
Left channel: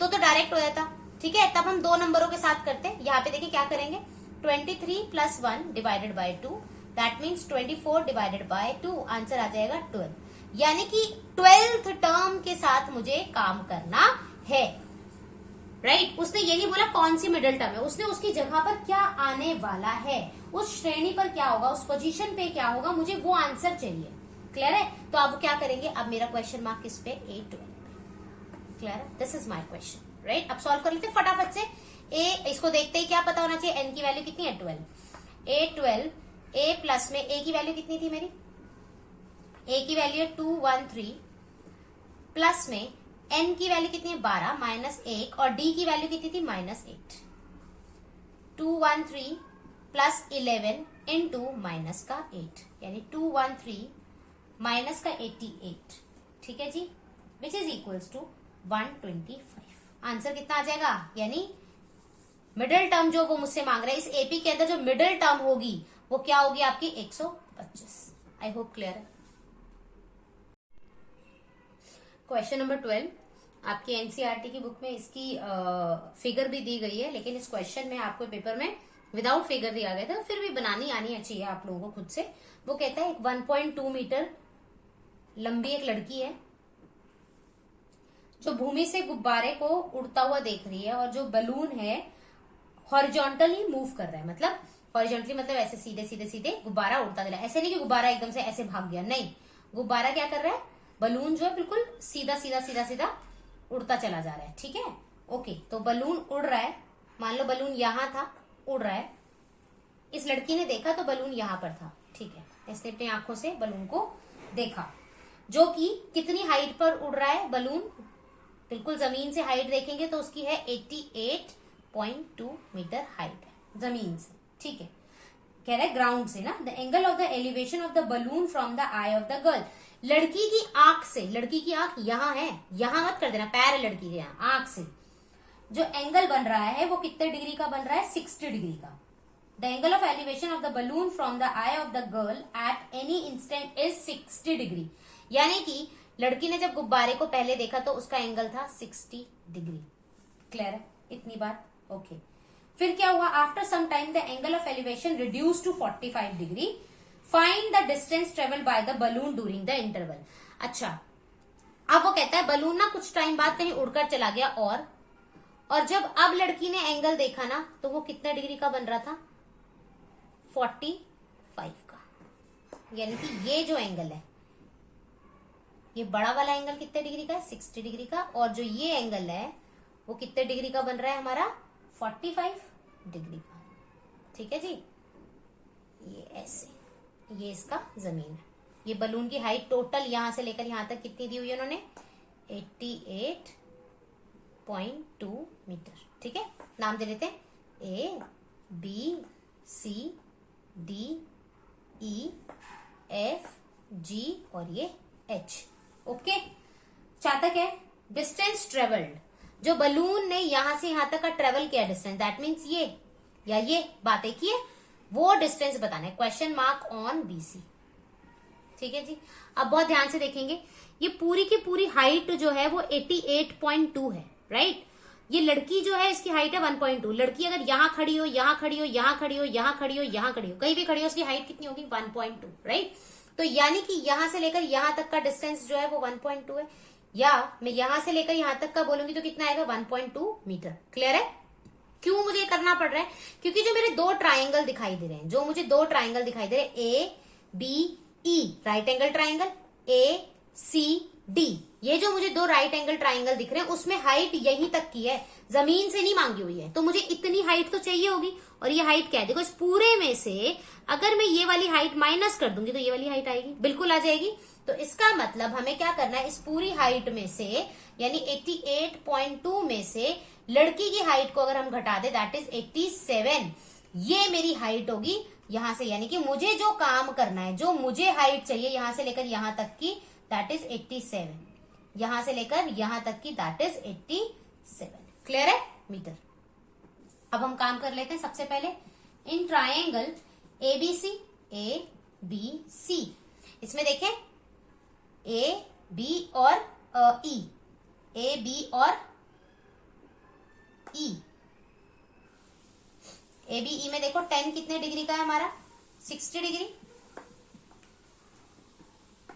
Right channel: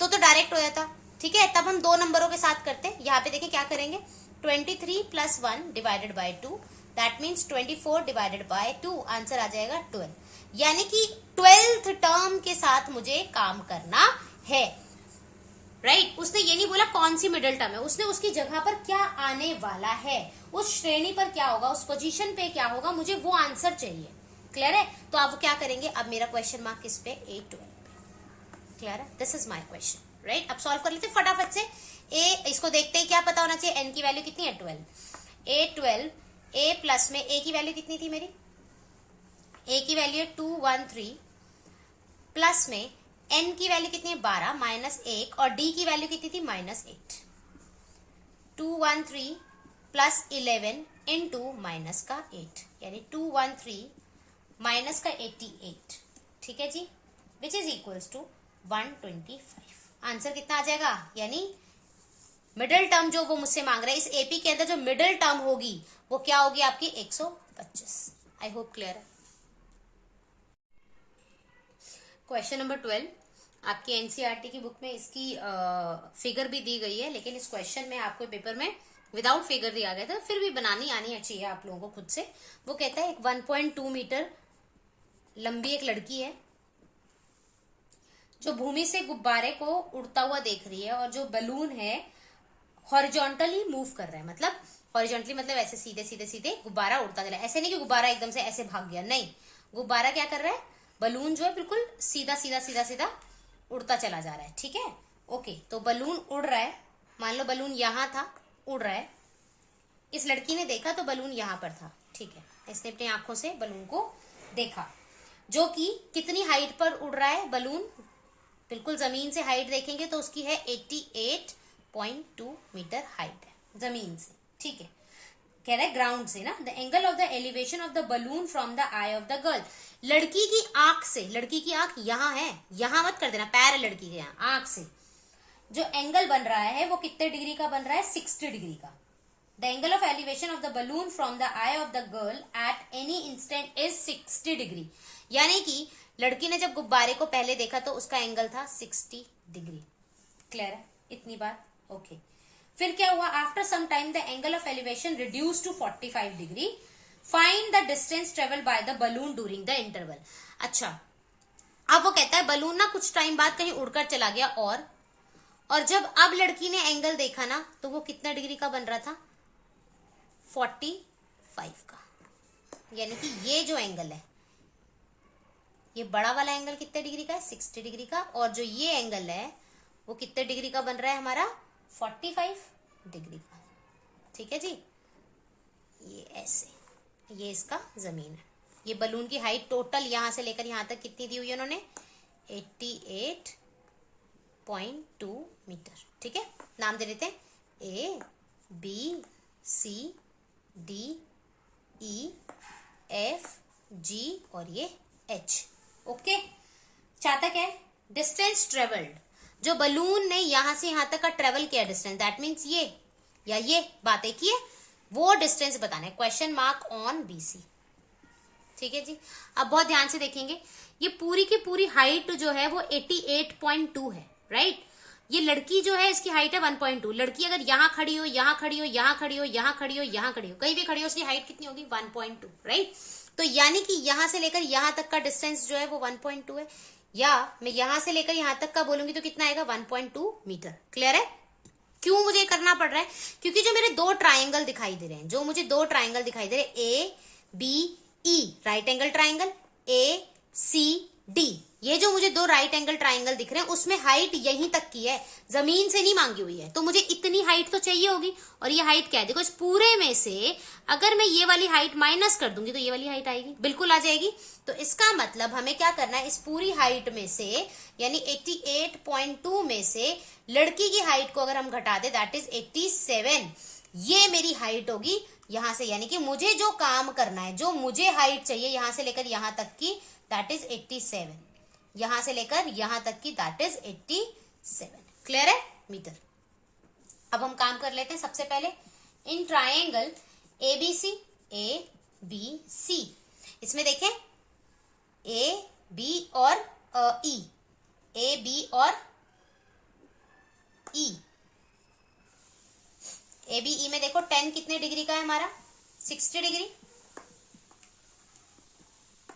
तो डायरेक्ट हो जाता, ठीक है, तब हम 2 नंबरों के साथ करते हैं। यहाँ पे देखिए क्या करेंगे, 23 + 1 divided by 2, that means 24 divided by 2, answer आ जाएगा 12। यानी कि 12th टर्म के साथ मुझे काम करना है, राइट? उसने ये नहीं बोला कौन सी मिडिल टर्म है, उसने उसकी जगह पर क्या आने वाला है, उस श्रेणी पर क्या होगा, उस पोजीशन पे क्या होगा, मुझे वो आंसर चाहिए। क्लियर है? तो अब क्या करेंगे, अब मेरा क्वेश्चन मार्क किस पे? A12। क्लियर है? This is my question, right? अब सॉल्व कर लेते फटाफट से। इसको देखते ही क्या पता होना चाहिए, n की वैल्यू कितनी है? 12। A12, A प्लस में A की वैल्यू कितनी थी मेरी? A की वैल्यू है 213, प्लस में n की वैल्यू कितनी है? 12 -1, और D की वैल्यू कितनी थी? -8। 213 + 11 इंटू माइनस का 8, यानी 213 माइनस का 88, ठीक है जी, which is equals to 125। Answer कितना आ जाएगा? यानी मिडिल टर्म जो वो मुझसे मांग रहे हैं, इस एपी के अंदर जो मिडिल टर्म होगी वो क्या होगी आपकी? 125। आई होप क्लियर है। क्वेश्चन नंबर 12 आपकी एनसीईआरटी की बुक में इसकी फिगर भी दी गई है, लेकिन इस क्वेश्चन में आपको पेपर में विदाउट फिगर दिया गया था, फिर भी बनानी आनी चाहिए आप लोगों को खुद से। वो कहता है 1.2 मीटर लंबी एक लड़की है जो भूमि से गुब्बारे को उड़ता हुआ देख रही है, और जो बलून है हॉरिजॉन्टली मूव कर रहा है, मतलब हॉरिजॉन्टली मतलब ऐसे सीधे सीधे सीधे गुब्बारा उड़ता जा रहा है। ऐसे नहीं कि गुब्बारा एकदम से ऐसे भाग गया, नहीं, गुब्बारा क्या कर रहा है, बलून जो है बिल्कुल सीधा सीधा सीधा सीधा उड़ता चला जा रहा है, ठीक है, ओके। तो बलून उड़ रहा है, मान लो बलून यहां था, उड़ रहा है, इस लड़की ने देखा तो बलून यहां पर था, ठीक है, इसने अपनी आंखों से बलून को देखा, जो कि कितनी हाइट पर उड़ रहा है बलून, बिल्कुल जमीन से हाइट देखेंगे तो उसकी है 88.2 मीटर हाइट है जमीन से, ठीक है, कह रहा है ग्राउंड से ना। The angle of the elevation of the balloon from the I of the girl, लड़की की आंख से, लड़की की आंख यहां है, यहां मत कर देना, पैर है लड़की के यहां, आंख से जो एंगल बन रहा है वो कितने डिग्री का बन रहा है? 60 डिग्री का। The angle of elevation of the balloon from the I of the girl at any instant is 60 degree, यानी कि लड़की ने जब गुब्बारे को पहले देखा तो उसका एंगल था 60 डिग्री। क्लियर है इतनी बात? ओके। फिर क्या हुआ? After some time the angle of elevation reduce to 45 degree, find the distance travel by the balloon during the interval. अच्छा, अब वो कहता है बलून ना कुछ टाइम बाद कहीं उड़कर चला गया, और जब अब लड़की ने एंगल देखा ना तो वो कितना डिग्री का बन रहा था? 45 का। यानी कि ये जो एंगल है, ये बड़ा वाला एंगल कितने डिग्री का है? 60 डिग्री का, और जो ये एंगल है वो कितने डिग्री का बन रहा है हमारा? 45 डिग्री का, ठीक है जी। ये ऐसे, ये इसका जमीन है, ये बलून की हाइट टोटल यहां से लेकर यहां तक कितनी दी हुई है उन्होंने? 88.2 मीटर, ठीक है। नाम दे देते हैं A, B, C, D, E, F, G और ये H, ओके। चाहता क्या है? डिस्टेंस ट्रेवल्ड, जो बलून ने यहां से यहां तक का ट्रेवल किया डिस्टेंस, दैट मीन्स ये या ये बातें की है, वो डिस्टेंस बताना है। क्वेश्चन मार्क ऑन BC, ठीक है जी। अब बहुत ध्यान से देखेंगे, ये पूरी की पूरी हाइट जो है वो 88.2 है, राइट। ये लड़की जो है इसकी हाइट है 1.2। लड़की अगर यहाँ खड़ी हो, यहाँ खड़ी हो, यहाँ खड़ी हो, यहाँ खड़ी हो, यहाँ खड़ी हो, कहीं भी खड़ी हो, उसकी हाइट कितनी होगी? 1.2, राइट। तो यानी कि यहां से लेकर यहां तक का डिस्टेंस जो है वो 1.2 है, या मैं यहां से लेकर यहां तक का बोलूंगी तो कितना आएगा? 1.2 मीटर। क्लियर है? क्यों मुझे करना पड़ रहा है? क्योंकि जो मेरे दो ट्राइंगल दिखाई दे रहे हैं, जो मुझे दो ट्राइंगल दिखाई दे रहे हैं, A B E right angle triangle, A C D, ये जो मुझे दो राइट एंगल ट्राइंगल दिख रहे हैं उसमें हाइट यहीं तक की है, जमीन से नहीं मांगी हुई है, तो मुझे इतनी हाइट तो चाहिए होगी। और ये हाइट क्या है, देखो इस पूरे में से अगर मैं ये वाली हाइट माइनस कर दूंगी तो ये वाली हाइट आएगी, बिल्कुल आ जाएगी। तो इसका मतलब हमें क्या करना है, इस पूरी हाइट में से यानी 88.2 में से लड़की की हाइट को अगर हम घटा दे दैट इज 87, ये मेरी हाइट होगी यहां से, यानी कि मुझे जो काम करना है, जो मुझे हाइट चाहिए यहां से लेकर यहां तक की दैट इज 87, यहां से लेकर यहां तक की दैट इज 87। क्लियर है मीटर। अब हम काम कर लेते हैं। सबसे पहले in triangle ABC, A B C, इसमें देखें ए बी और ई, ए बी और ई, ए बी ई में देखो 10 कितने डिग्री का है हमारा, 60 डिग्री,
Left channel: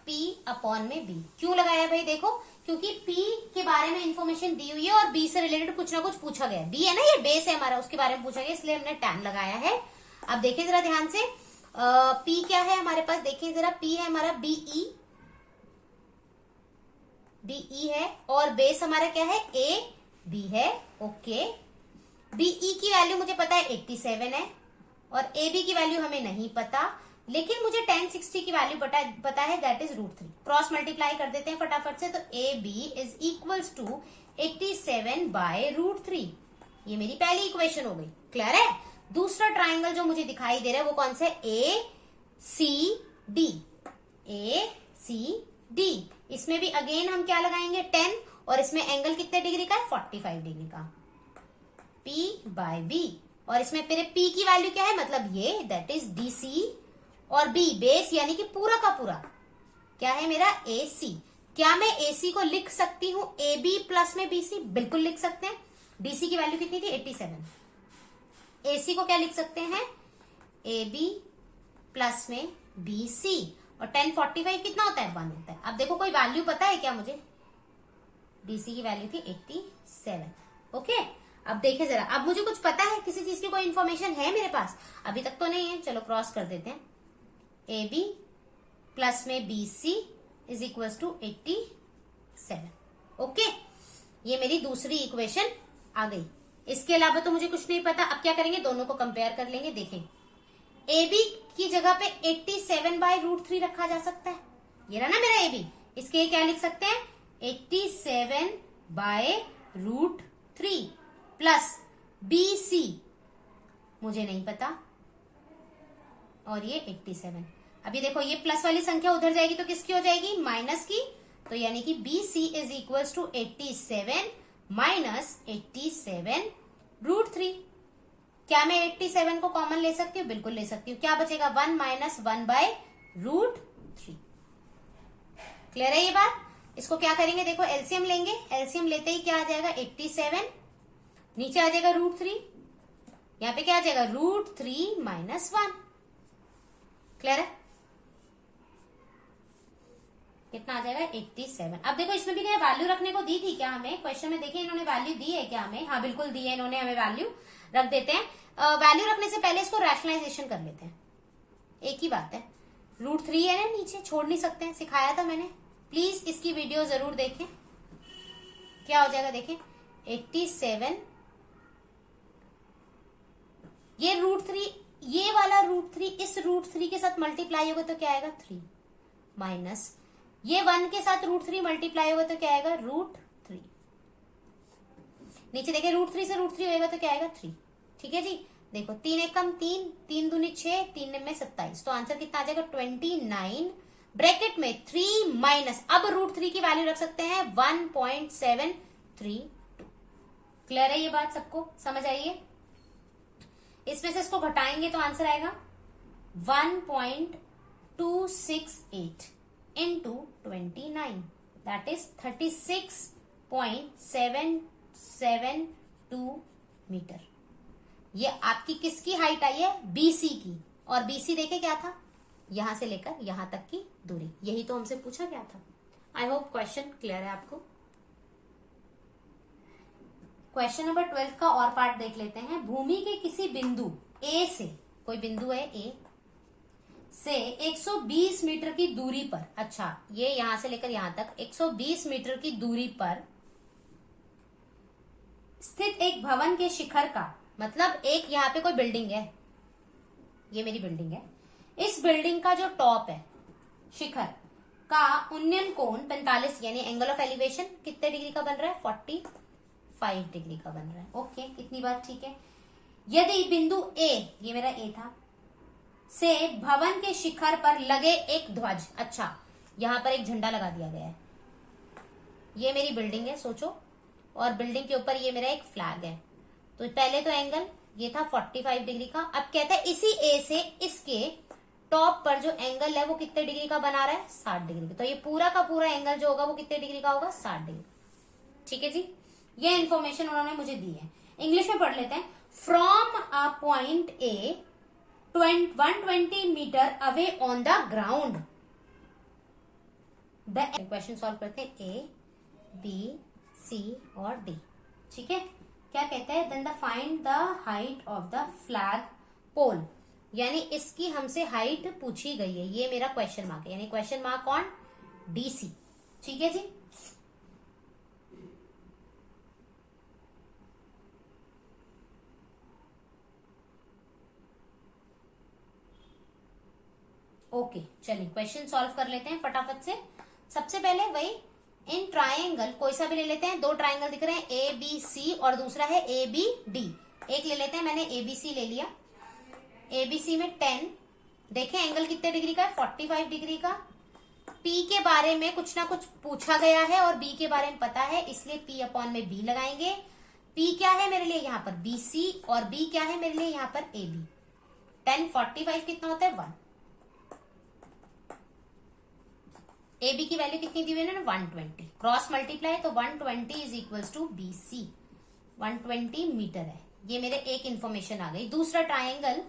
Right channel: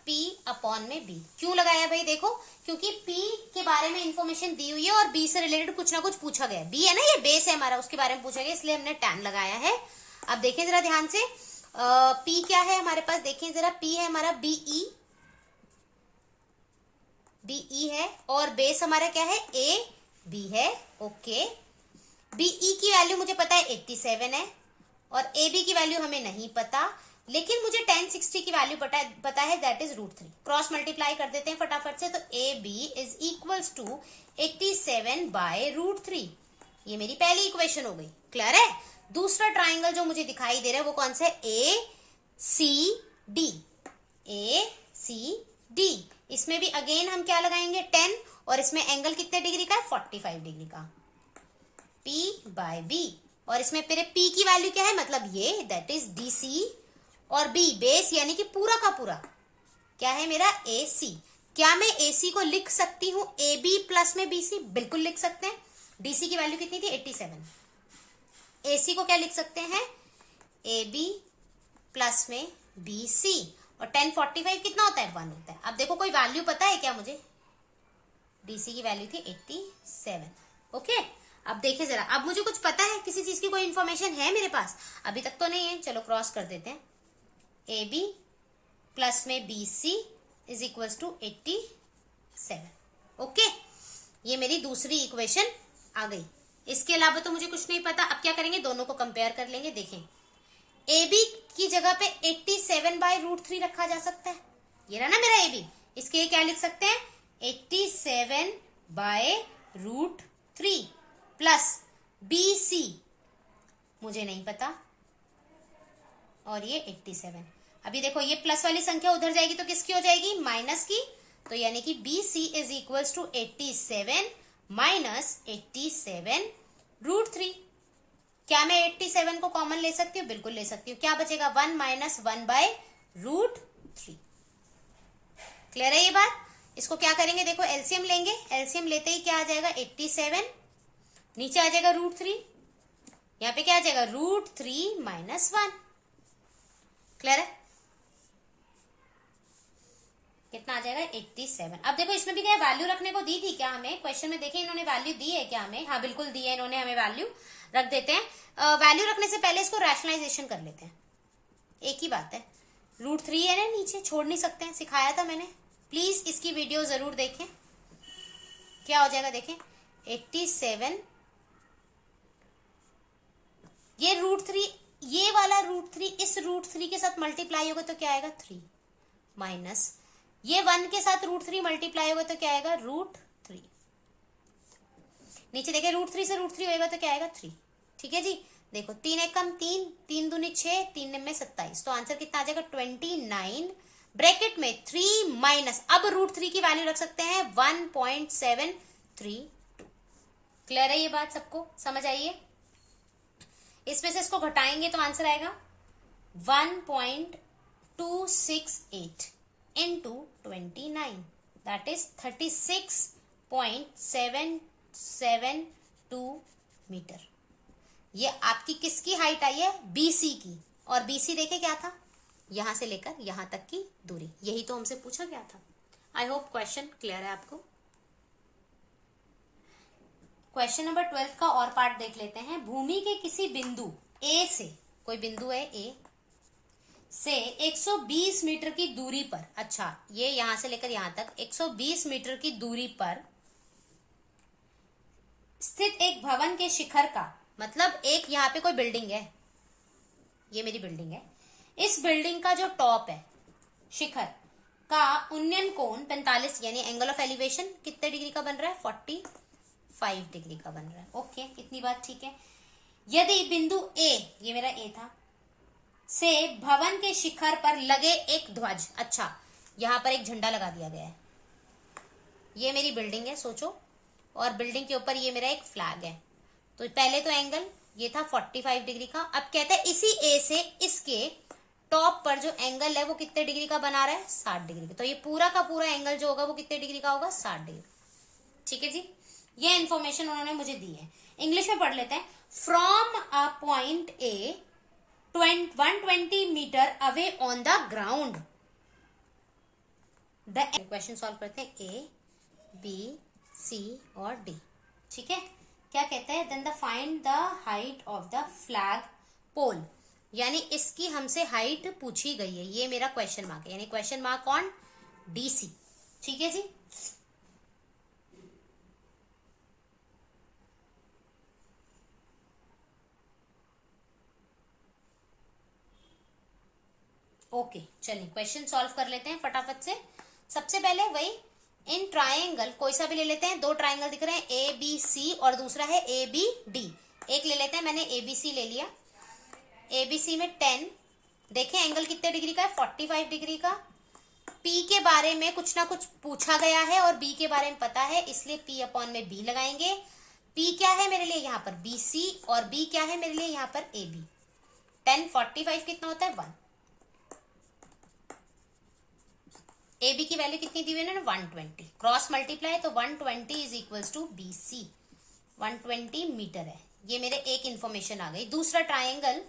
P अपॉन में B क्यों लगाया भाई, देखो क्योंकि P के बारे में इंफॉर्मेशन दी हुई है और B से रिलेटेड कुछ ना कुछ पूछा गया है। B है ना, ये बेस है हमारा, उसके बारे में पूछा गया, इसलिए हमने tan लगाया है। अब देखिए जरा ध्यान से, P क्या है हमारे पास, देखिए जरा, P है हमारा BE, BE है, और बेस हमारा क्या है, AB है। ओके, BE की वैल्यू मुझे पता है 87 है और AB की वैल्यू हमें नहीं पता, लेकिन मुझे tan 60 की वैल्यू पता है दैट इज √3। क्रॉस मल्टीप्लाई कर देते हैं फटाफट से, तो AB is equals to 87 by √3, ये मेरी पहली इक्वेशन हो गई। क्लियर है। दूसरा ट्राइंगल जो मुझे दिखाई दे रहा है वो कौन सा है, ACD, ACD, इसमें भी अगेन हम क्या लगाएंगे 10, और इसमें एंगल कितने डिग्री का है, 45 डिग्री का, P बाय B, और इसमें मेरे P की वैल्यू क्या है, मतलब ये दैट इज DC, और B बेस यानी कि पूरा का पूरा क्या है मेरा, AC। क्या मैं AC को लिख सकती हूं AB प्लस में BC, बिल्कुल लिख सकते हैं। DC की वैल्यू कितनी थी, 87, AC को क्या लिख सकते हैं, AB प्लस में BC, और 1045 कितना होता है, 1 होता है। अब देखो कोई वैल्यू पता है क्या मुझे, DC की वैल्यू थी 87। ओके, अब देखिए जरा, अब मुझे कुछ पता है, किसी चीज की कोई इंफॉर्मेशन है मेरे पास, अभी तक तो नहीं है, चलो क्रॉस कर देते हैं। AB प्लस में BC is equal to 87। Okay, ये मेरी दूसरी इक्वेशन आ गई। इसके अलावा तो मुझे कुछ नहीं पता। अब क्या करेंगे, दोनों को कंपेयर कर लेंगे। देखें, AB की जगह पे 87 बाय √3 रखा जा सकता है, ये रहा ना मेरा AB, इसके क्या लिख सकते हैं, 87 बाय √3 प्लस BC मुझे नहीं पता, और ये 87। अभी देखो ये प्लस वाली संख्या उधर जाएगी तो किसकी हो जाएगी, माइनस की, तो यानी कि BC is equal to 87 minus 87 √3। क्या मैं 87 को कॉमन ले सकती हूँ, बिल्कुल ले सकती हूँ। क्या बचेगा, 1 माइनस 1 बाय √3। क्लियर है ये बात। इसको क्या करेंगे, देखो एलसीएम लेंगे, एलसीएम लेते ही क्या आ जाएगा, 87, नीचे आ जाएगा √3, यहाँ पे क्या आ जाएगा, √3 माइनस 1। क्लियर है, कितना आ जाएगा, 87। अब देखो इसमें भी क्या वैल्यू रखने को दी थी क्या हमें, क्वेश्चन में देखिए इन्होंने वैल्यू दी है क्या हमें, हाँ बिल्कुल दी है इन्होंने हमें वैल्यू, रख देते हैं। वैल्यू रखने से पहले इसको रैशनलाइजेशन कर लेते हैं, एक ही बात है, √3 है ना नीचे, छोड़ नहीं सकते हैं, सिखाया था मैंने, प्लीज इसकी वीडियो जरूर देखें। क्या हो जाएगा, देखें 87, ये √3, ये वाला √3 इस √3 के साथ मल्टीप्लाई होगा तो क्या आएगा, 3 माइनस ये 1 के साथ √3 मल्टीप्लाई होगा तो क्या आएगा, √3। नीचे देखिए √3 से √3 होगा तो क्या आएगा, 3। ठीक है जी, देखो 3 एक कम 3, 3 दूनी 6, 3 में 27, तो आंसर कितना आ जाएगा, 29, ब्रैकेट में 3 माइनस, अब √3 की वैल्यू रख सकते हैं 1.732। क्लियर है ये बात, सबको समझ आई है। इसमें से इसको घटाएंगे तो आंसर आएगा 1.268 into 29, that is 36.772 मीटर। ये आपकी किसकी हाइट आई है, BC की, और BC देखे क्या था, यहां से लेकर यहां तक की दूरी, यही तो हमसे पूछा गया था। आई होप क्वेश्चन क्लियर है आपको। क्वेश्चन नंबर 12 का और पार्ट देख लेते हैं। भूमि के किसी बिंदु A से, कोई बिंदु है A से 120 मीटर की दूरी पर, अच्छा ये यहां से लेकर यहां तक 120 मीटर की दूरी पर स्थित एक भवन के शिखर का, मतलब एक यहाँ पे कोई बिल्डिंग है, ये मेरी बिल्डिंग है, इस बिल्डिंग का जो टॉप है, शिखर का उन्नयन कोण 45 यानी एंगल ऑफ एलिवेशन कितने डिग्री का बन रहा है, 45 डिग्री का बन रहा है। ओके, इतनी बात ठीक है। यदि बिंदु ए, ये मेरा ए था, से भवन के शिखर पर लगे एक ध्वज, अच्छा यहां पर एक झंडा लगा दिया गया है, ये मेरी बिल्डिंग है सोचो, और बिल्डिंग के ऊपर ये मेरा एक फ्लैग है, तो पहले तो एंगल ये था 45 डिग्री का। अब कहते हैं इसी ए से इसके टॉप पर जो एंगल है वो कितने डिग्री का बना रहा है, 60 डिग्री का। तो ये पूरा का पूरा एंगल जो होगा वो कितने डिग्री का होगा, 60 डिग्री। ठीक है जी, ये इन्फॉर्मेशन उन्होंने मुझे दी है। इंग्लिश में पढ़ लेते हैं। From a point A 120 metre away on the ground, the question solve करते हैं, ए बी सी और डी। ठीक है, क्या कहते हैं, then the find the height of the flag pole, यानी इसकी हमसे हाइट पूछी गई है, ये मेरा क्वेश्चन मार्क है, यानी क्वेश्चन मार्क ऑन डीसी। ठीक है जी, ओके चलिए क्वेश्चन सॉल्व कर लेते हैं फटाफट से। सबसे पहले वही इन ट्राइंगल कोई सा भी ले लेते हैं, दो ट्राइंगल दिख रहे हैं ए बी सी और दूसरा है ए बी डी। एक ले लेते हैं, मैंने ए बी सी ले लिया। ए बी सी में 10, देखें एंगल कितने डिग्री का है, 45 डिग्री का। पी के बारे में कुछ ना कुछ पूछा गया है और बी के बारे में पता है, इसलिए पी अपॉन में बी लगाएंगे। पी क्या है मेरे लिए यहाँ पर बी सी, और बी क्या है मेरे लिए यहाँ पर ए बी। 10 45 कितना होता है 1। ए बी की वैल्यू कितनी दी हुई है, 120। क्रॉस मल्टीप्लाई तो 120 is equals to B C, 120 metre है। ये मेरे एक इंफॉर्मेशन आ गई। दूसरा ट्राइंगल,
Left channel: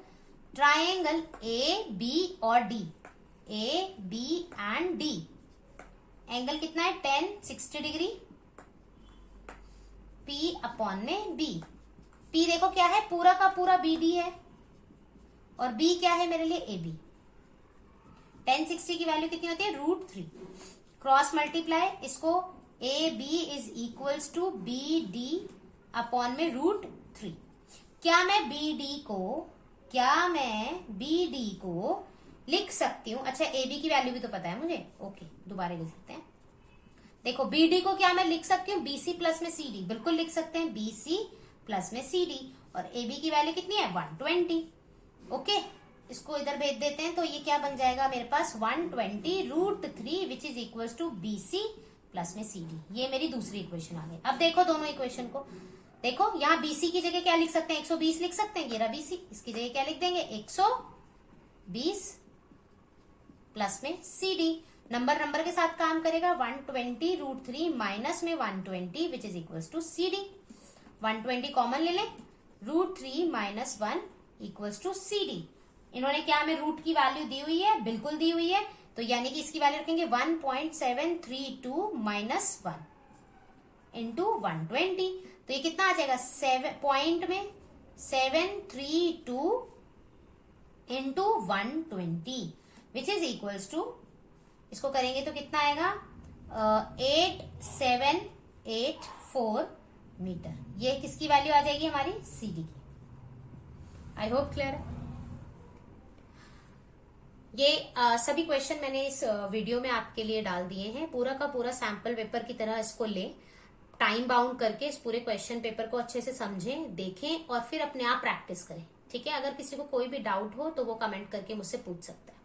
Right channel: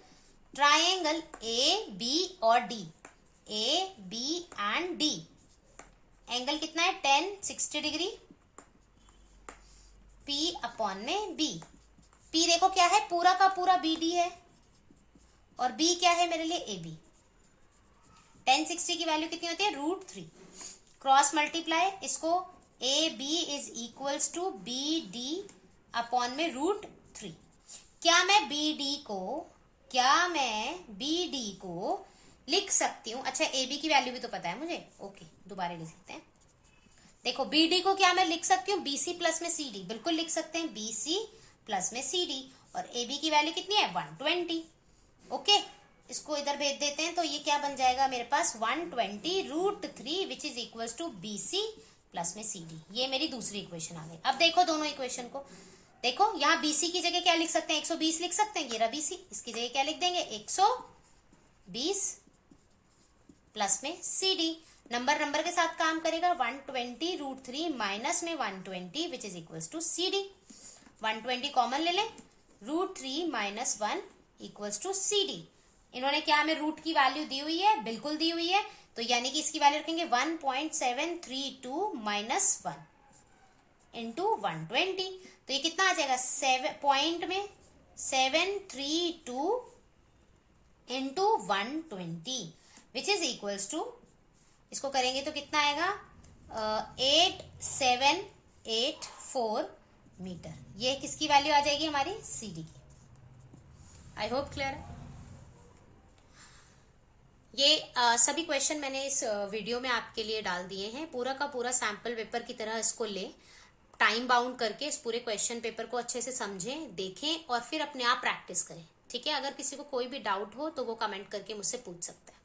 ट्राइंगल ए बी और डी, A B and D, angle कितना है 10 60 डिग्री। पी अपॉन में बी, पी देखो क्या है, पूरा का पूरा बी डी है, और बी क्या है मेरे लिए ए बी। 10 60 की वैल्यू कितनी होती है, √3। क्रॉस मल्टीप्लाई, इसको A B is equals to B D upon में √3। क्या मैं बी डी को लिख सकती हूँ, अच्छा ए बी की वैल्यू भी तो पता है मुझे, ओके दोबारा लिख सकते हैं। देखो बी डी को क्या मैं लिख सकती हूँ, बी सी प्लस में सी डी, बिल्कुल लिख सकते हैं बी सी प्लस में सी डी, और ए बी की वैल्यू कितनी है 120। ओके, इसको इधर भेज देते हैं, तो ये क्या बन जाएगा मेरे पास 120 √3 which is equals to B C plus में सी डी। ये मेरी दूसरी इक्वेशन आ गई। अब देखो दोनों इक्वेशन को, देखो यहाँ बीसी की जगह क्या लिख सकते हैं, 120 लिख सकते हैं, ये रहा बीसी, इसकी जगह क्या लिख देंगे 120 प्लस में सी डी। नंबर के साथ काम करेगा, 120 √3 माइनस में 120 which is equals to C D. 120 common ले लें, √3 minus 1 equals to C D. इन्होंने क्या हमें रूट की वैल्यू दी हुई है, बिल्कुल दी हुई है, तो यानी कि इसकी वैल्यू रखेंगे 1.732 माइनस 1 इंटू 120, तो ये कितना आ जाएगा 7 पॉइंट में 732 into 120 which is equals to, इसको करेंगे तो कितना आएगा 8784 मीटर। ये किसकी वैल्यू आ जाएगी हमारी सी डी की। आई होप क्लियर है। ये सभी क्वेश्चन मैंने इस वीडियो में आपके लिए डाल दिए हैं। पूरा का पूरा सैंपल पेपर की तरह इसको ले, टाइम बाउंड करके इस पूरे क्वेश्चन पेपर को अच्छे से समझें, देखें और फिर अपने आप प्रैक्टिस करें। ठीक है, अगर किसी को कोई भी डाउट हो तो वो कमेंट करके मुझसे पूछ सकते हैं।